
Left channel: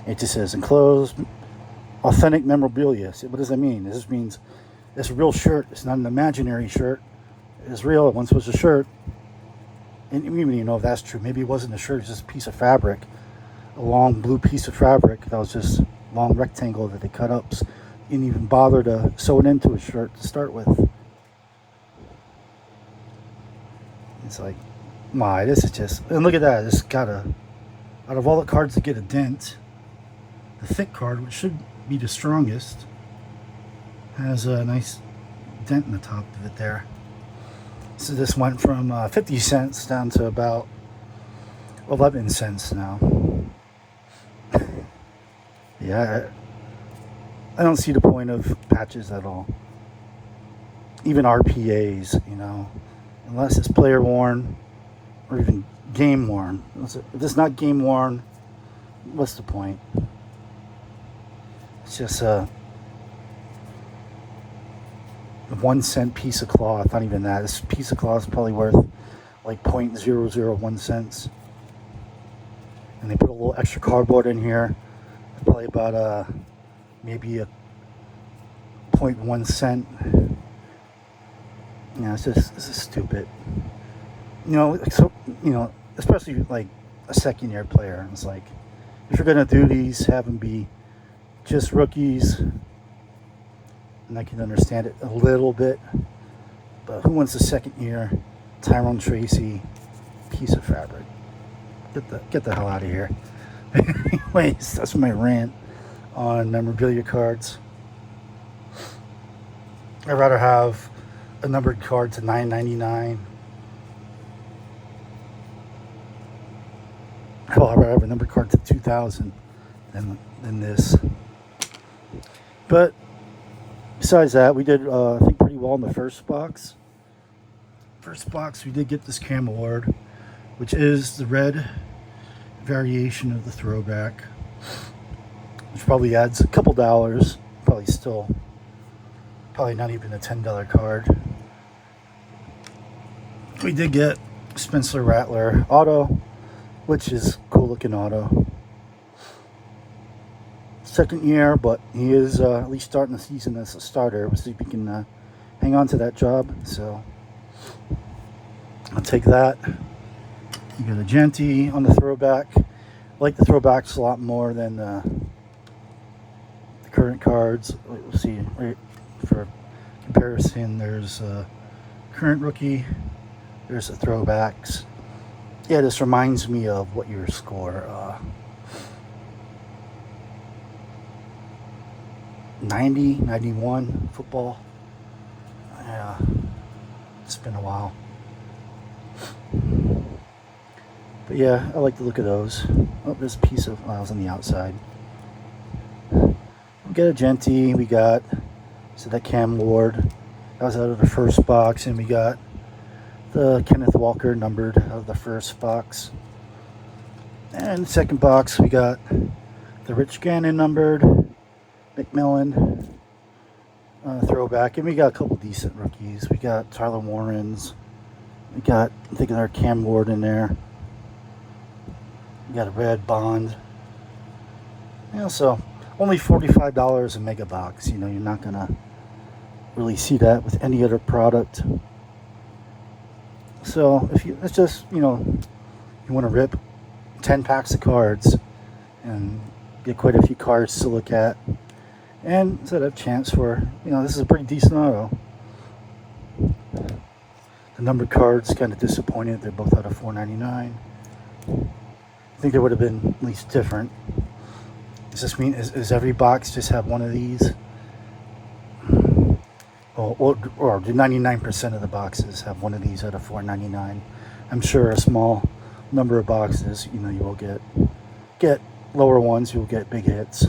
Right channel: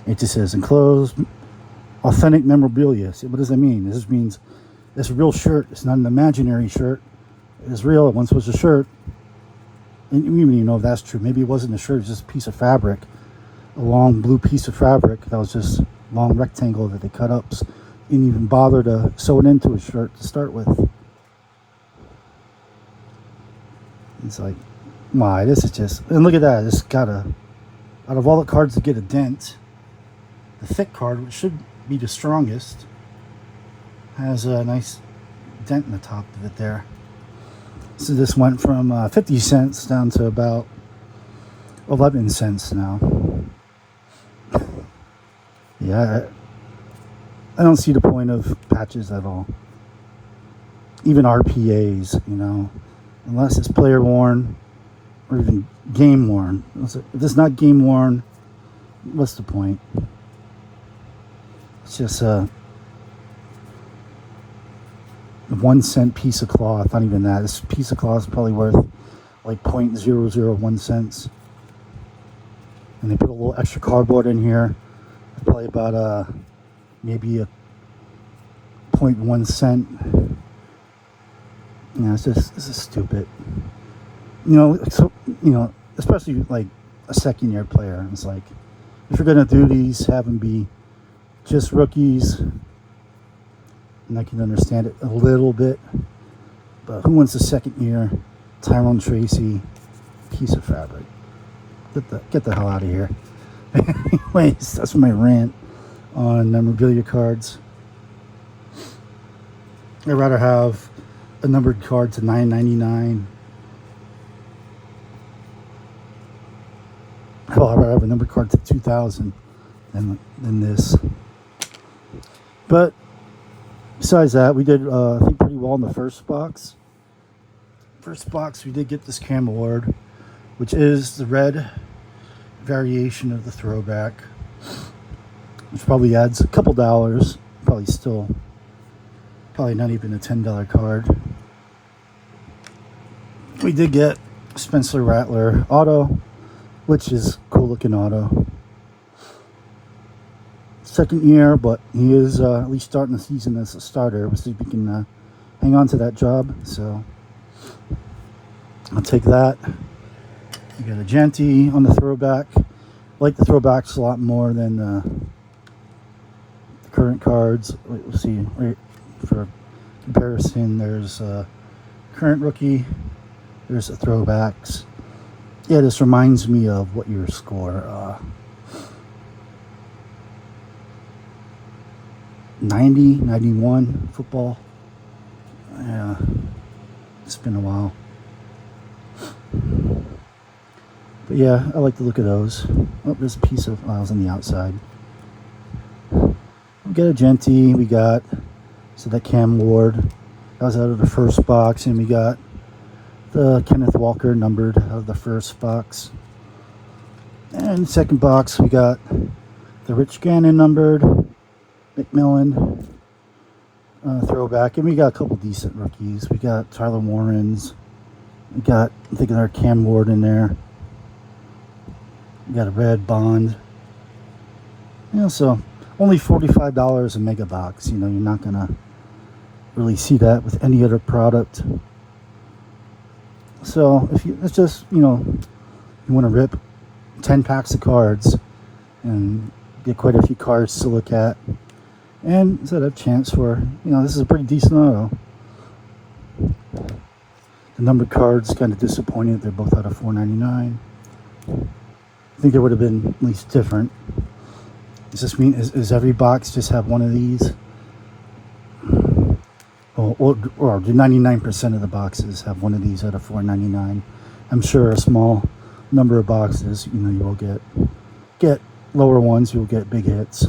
It just says enclosed authentic memorabilia. So what does that mean? This means it's a real shirt. It's not an imaginary shirt. It's real. It once was a shirt. And we don't even know if that's true. Maybe it wasn't a shirt. It was just a piece of fabric. A long blue piece of fabric that was just a long rectangle that they cut up. Didn't even bother to sew it into a shirt to start with. It's like, my, this is just... And look at that. It's got a... Out of all the cards that get a dent, the thick card, which should be the strongest, has a nice dent in the top of it there. So this went from 50 cents down to about 11 cents now. Yeah, I don't see the point of patches at all. Even RPAs, you know, unless it's player worn or even game worn. If it's not game worn, what's the point? It's just a 1 cent piece of cloth. Not even that. This piece of cloth is probably worth like 0.001 cents. And they put a little extra cardboard in here. Probably about maybe a 0.1 cent Yeah, it's just, this is stupid. You know, so, you know, especially like a second year player. It's like, if you're going to do these, have them be just rookies. And I can understand it a little bit. But who wants a second year Tyrone Tracy piece of fabric? Get the hell out of here. Anyways, that's my rant on memorabilia cards. I'd rather have a numbered card to $9.99. Well, I'd rather have a numbered card to $2,000 than this. But besides that, we did I think pretty well in the first box. First box, we did get this Cam Ward, which is the red variation of the throwback, which probably adds a couple dollars. Probably not even a $10 card. We did get Spencer Rattler auto, which is cool looking auto. Second year, but he is at least starting the season as a starter. We'll see if he can hang on to that job. So I'll take that. You got a Genty on the throwback. I like the throwbacks a lot more than the current cards. We'll see. Right, for comparison, there's current rookie. There's the throwbacks. Yeah, this reminds me of what your score. 90, 91 football. Yeah, it's been a while. But yeah, I like the look of those. Oh, there's a piece of files on the outside. We got a Genty. We got that Cam Ward. That was out of the first box, and we got the Kenneth Walker numbered out of the first box. And the second box, we got the Rich Gannon numbered, McMillan throwback, and we got a couple decent rookies. We got Tyler Warrens. We got, I'm thinking our Cam Ward in there. We got a red Bond. You know, so only $45 a mega box. You know, you're not gonna really see that with any other product. So if you, it's just, you know, you want to rip 10 packs of cards and get quite a few cards to look at, and set up chance for, you know, this is a pretty decent auto. The numbered cards kind of disappointed. They're both out of $4.99. I think they would have been at least different. Does this mean is every box just have one of these? Or do 99% of the boxes have one of these out of $4.99? I'm sure a small number of boxes, you know, you will get lower ones, you'll get big hits.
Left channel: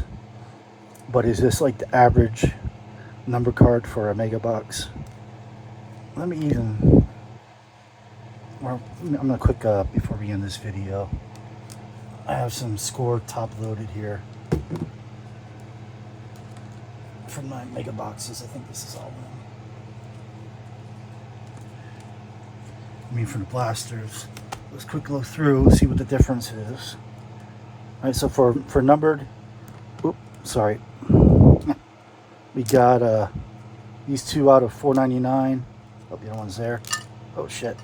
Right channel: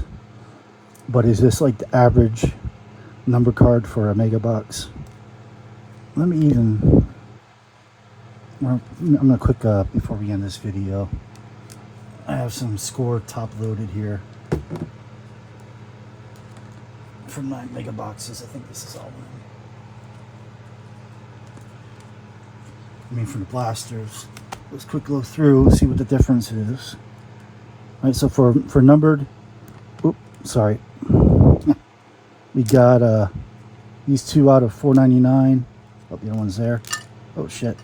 But is this like the average number card for a mega box? Let me even, I'm gonna quick before we end this video. I have some score top loaded here from my mega boxes. I think this is all of them. I mean, for the blasters. Let's quick go through, see what the difference is. All right, so for numbered, sorry, we got these two out of $4.99. Oh, the other one's there. Oh shit,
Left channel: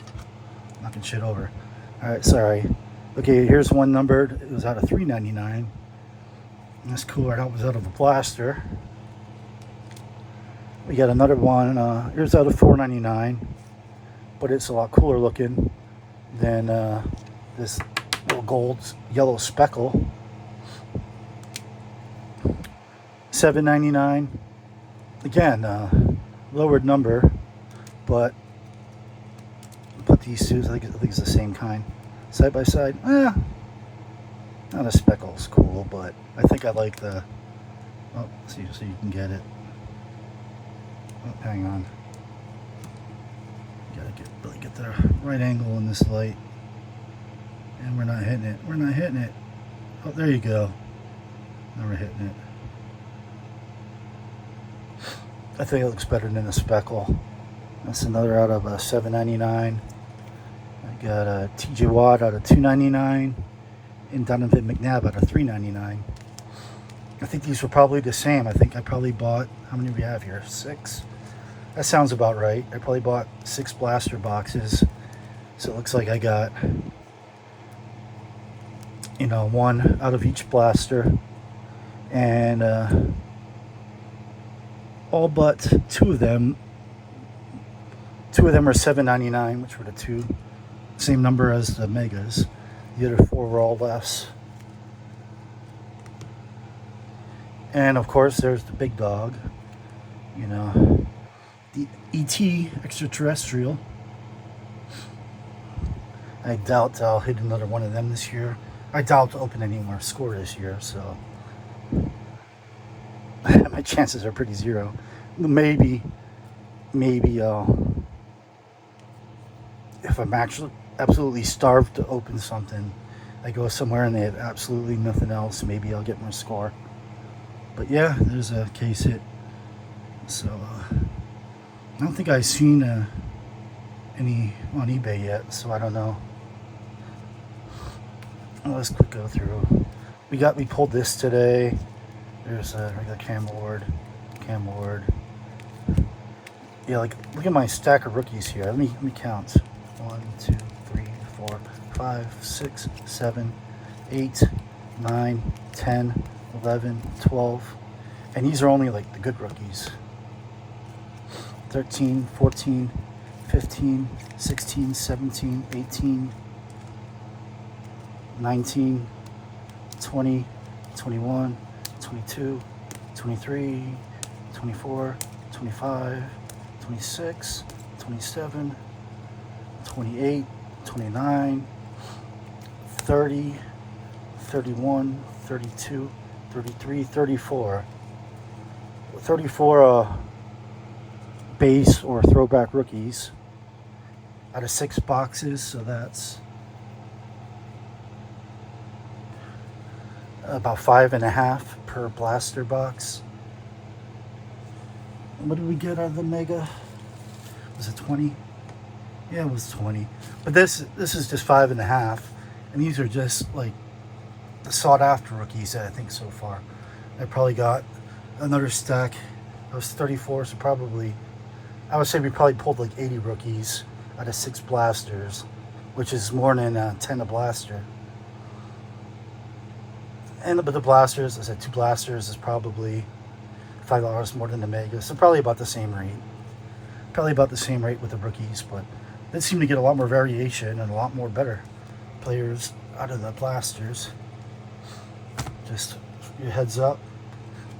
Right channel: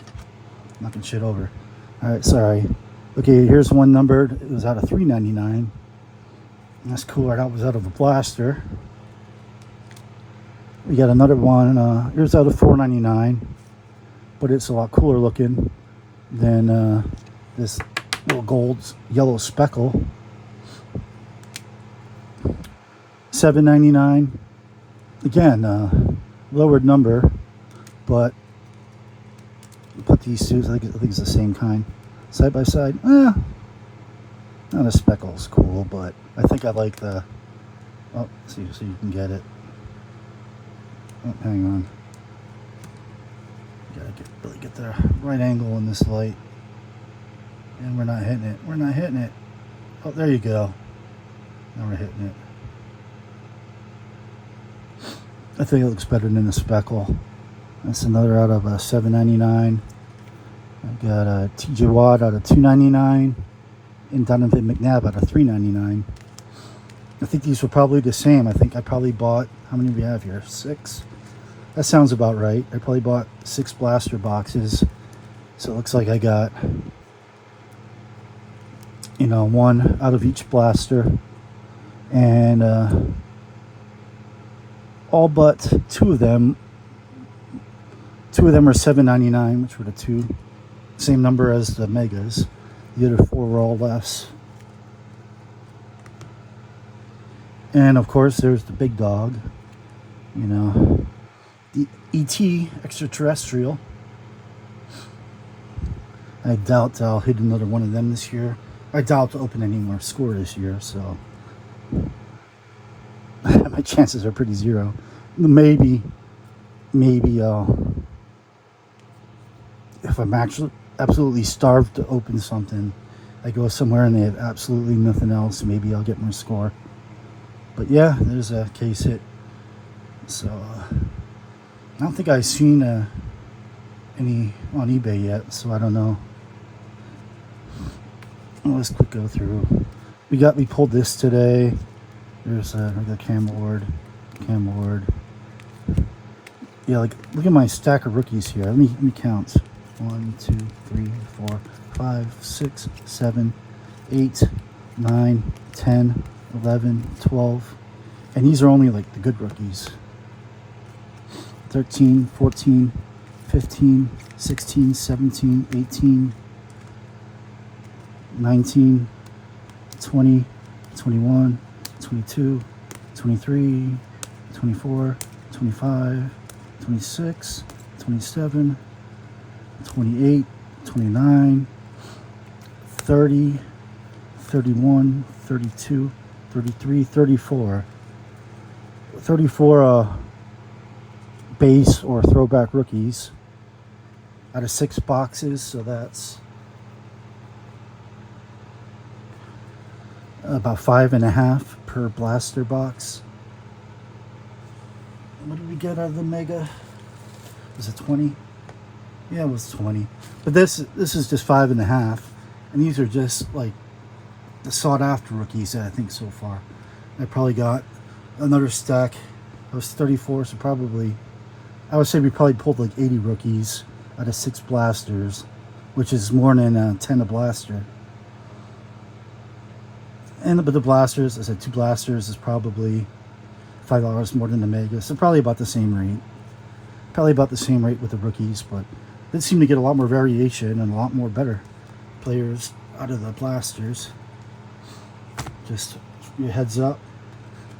knocking shit over. All right, sorry. Okay, here's one numbered. It was out of $3.99. That's cool. That was out of a blaster. We got another one. Here's out of $4.99, but it's a lot cooler looking than this little gold yellow speckle. $7.99. Again, lowered number, but put these two. I think it's the same kind. Side by side. Not a speckle is cool, but I think I like the. Oh, see, so you can get it. Oh, hang on. Gotta really get the right angle in this light. And we're not hitting it. We're not hitting it. Oh, there you go. Now we're hitting it. I think it looks better than the speckle. That's another out of $7.99. I got a TJ Watt out of $2.99 and Donovan McNabb out of $3.99. I think these were probably the same. I think I probably bought, how many do we have here? 6. That sounds about right. I probably bought 6 blaster boxes. So it looks like I got, you know, 1 out of each blaster. And all but 2 of them. 2 of them are $7.99, which were the 2. Same number as the Megas. The other 4 were all less. And of course, there's the big dog. You know, the ET extraterrestrial. I doubt I'll hit another one of them this year. I doubt I'll open any more score this year, so my chances are pretty zero. Maybe if I'm actually absolutely starved to open something, I go somewhere and they have absolutely nothing else, maybe I'll get more score. But yeah, there's a case hit. So I don't think I've seen any on eBay yet, so I don't know. Well, let's quick go through. We pulled this today. There's a regular Cam Ward. Yeah, like look at my stack of rookies here. Let me count. 1, 2, 3, 4, 5, 6, 7, 8, 9, 10, 11, 12. And these are only like the good rookies. 13, 14, 15, 16, 17, 18, 19, 20, 21, 22, 23, 24, 25, 26, 27, 28, 29, 30, 31, 32, 33, 34. 34 base or throwback rookies out of 6 boxes, so that's about 5.5 per blaster box. What did we get out of the Mega? Was it 20? Yeah, it was 20. But this is just 5.5, and these are just like the sought after rookies that I think so far. I probably got another stack. It was 34, so probably I would say we probably pulled like 80 rookies out of 6 blasters, which is more than 10 a blaster. And but the blasters, I said 2 blasters is probably $5 more than the Mega, so probably about the same rate. Probably about the same rate with the rookies, but they seem to get a lot more variation and a lot more better players out of the blasters. Just your heads up.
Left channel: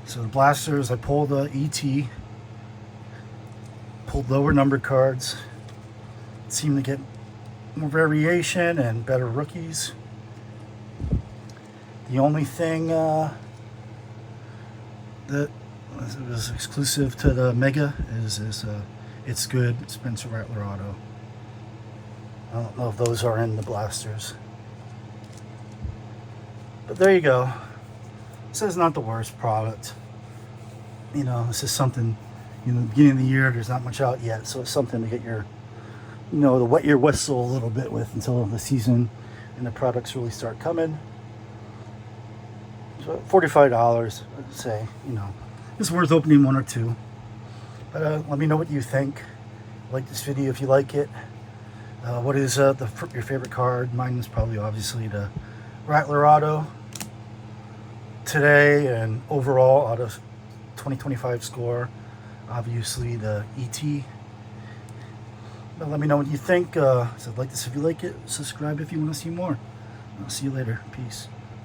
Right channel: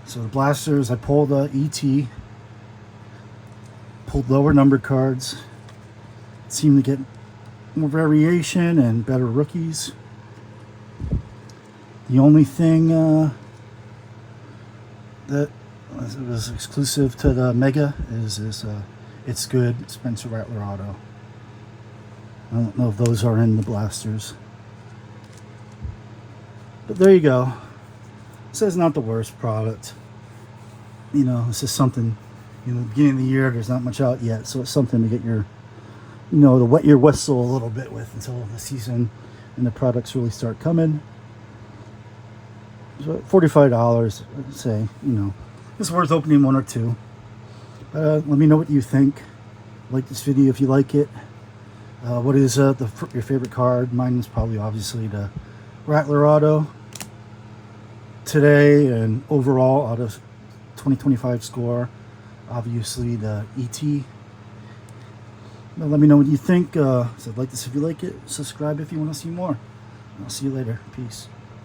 So the blasters, I pulled ET, pulled lower numbered cards. Seem to get more variation and better rookies. The only thing that was exclusive to the Mega is It's Good Spencer Rattler Auto. I don't know if those are in the blasters. But there you go. This is not the worst product. You know, this is something, you know, beginning of the year, there's not much out yet, so it's something to get your, you know, to wet your whistle a little bit with until the season and the products really start coming. So $45, I'd say, you know, it's worth opening 1 or 2. Let me know what you think. Like this video if you like it. What is your favorite card? Mine is probably obviously the Rattler Auto today, and overall out of 2025 score, obviously the ET. Now let me know what you think. So like this if you like it. Subscribe if you want to see more. I'll see you later. Peace.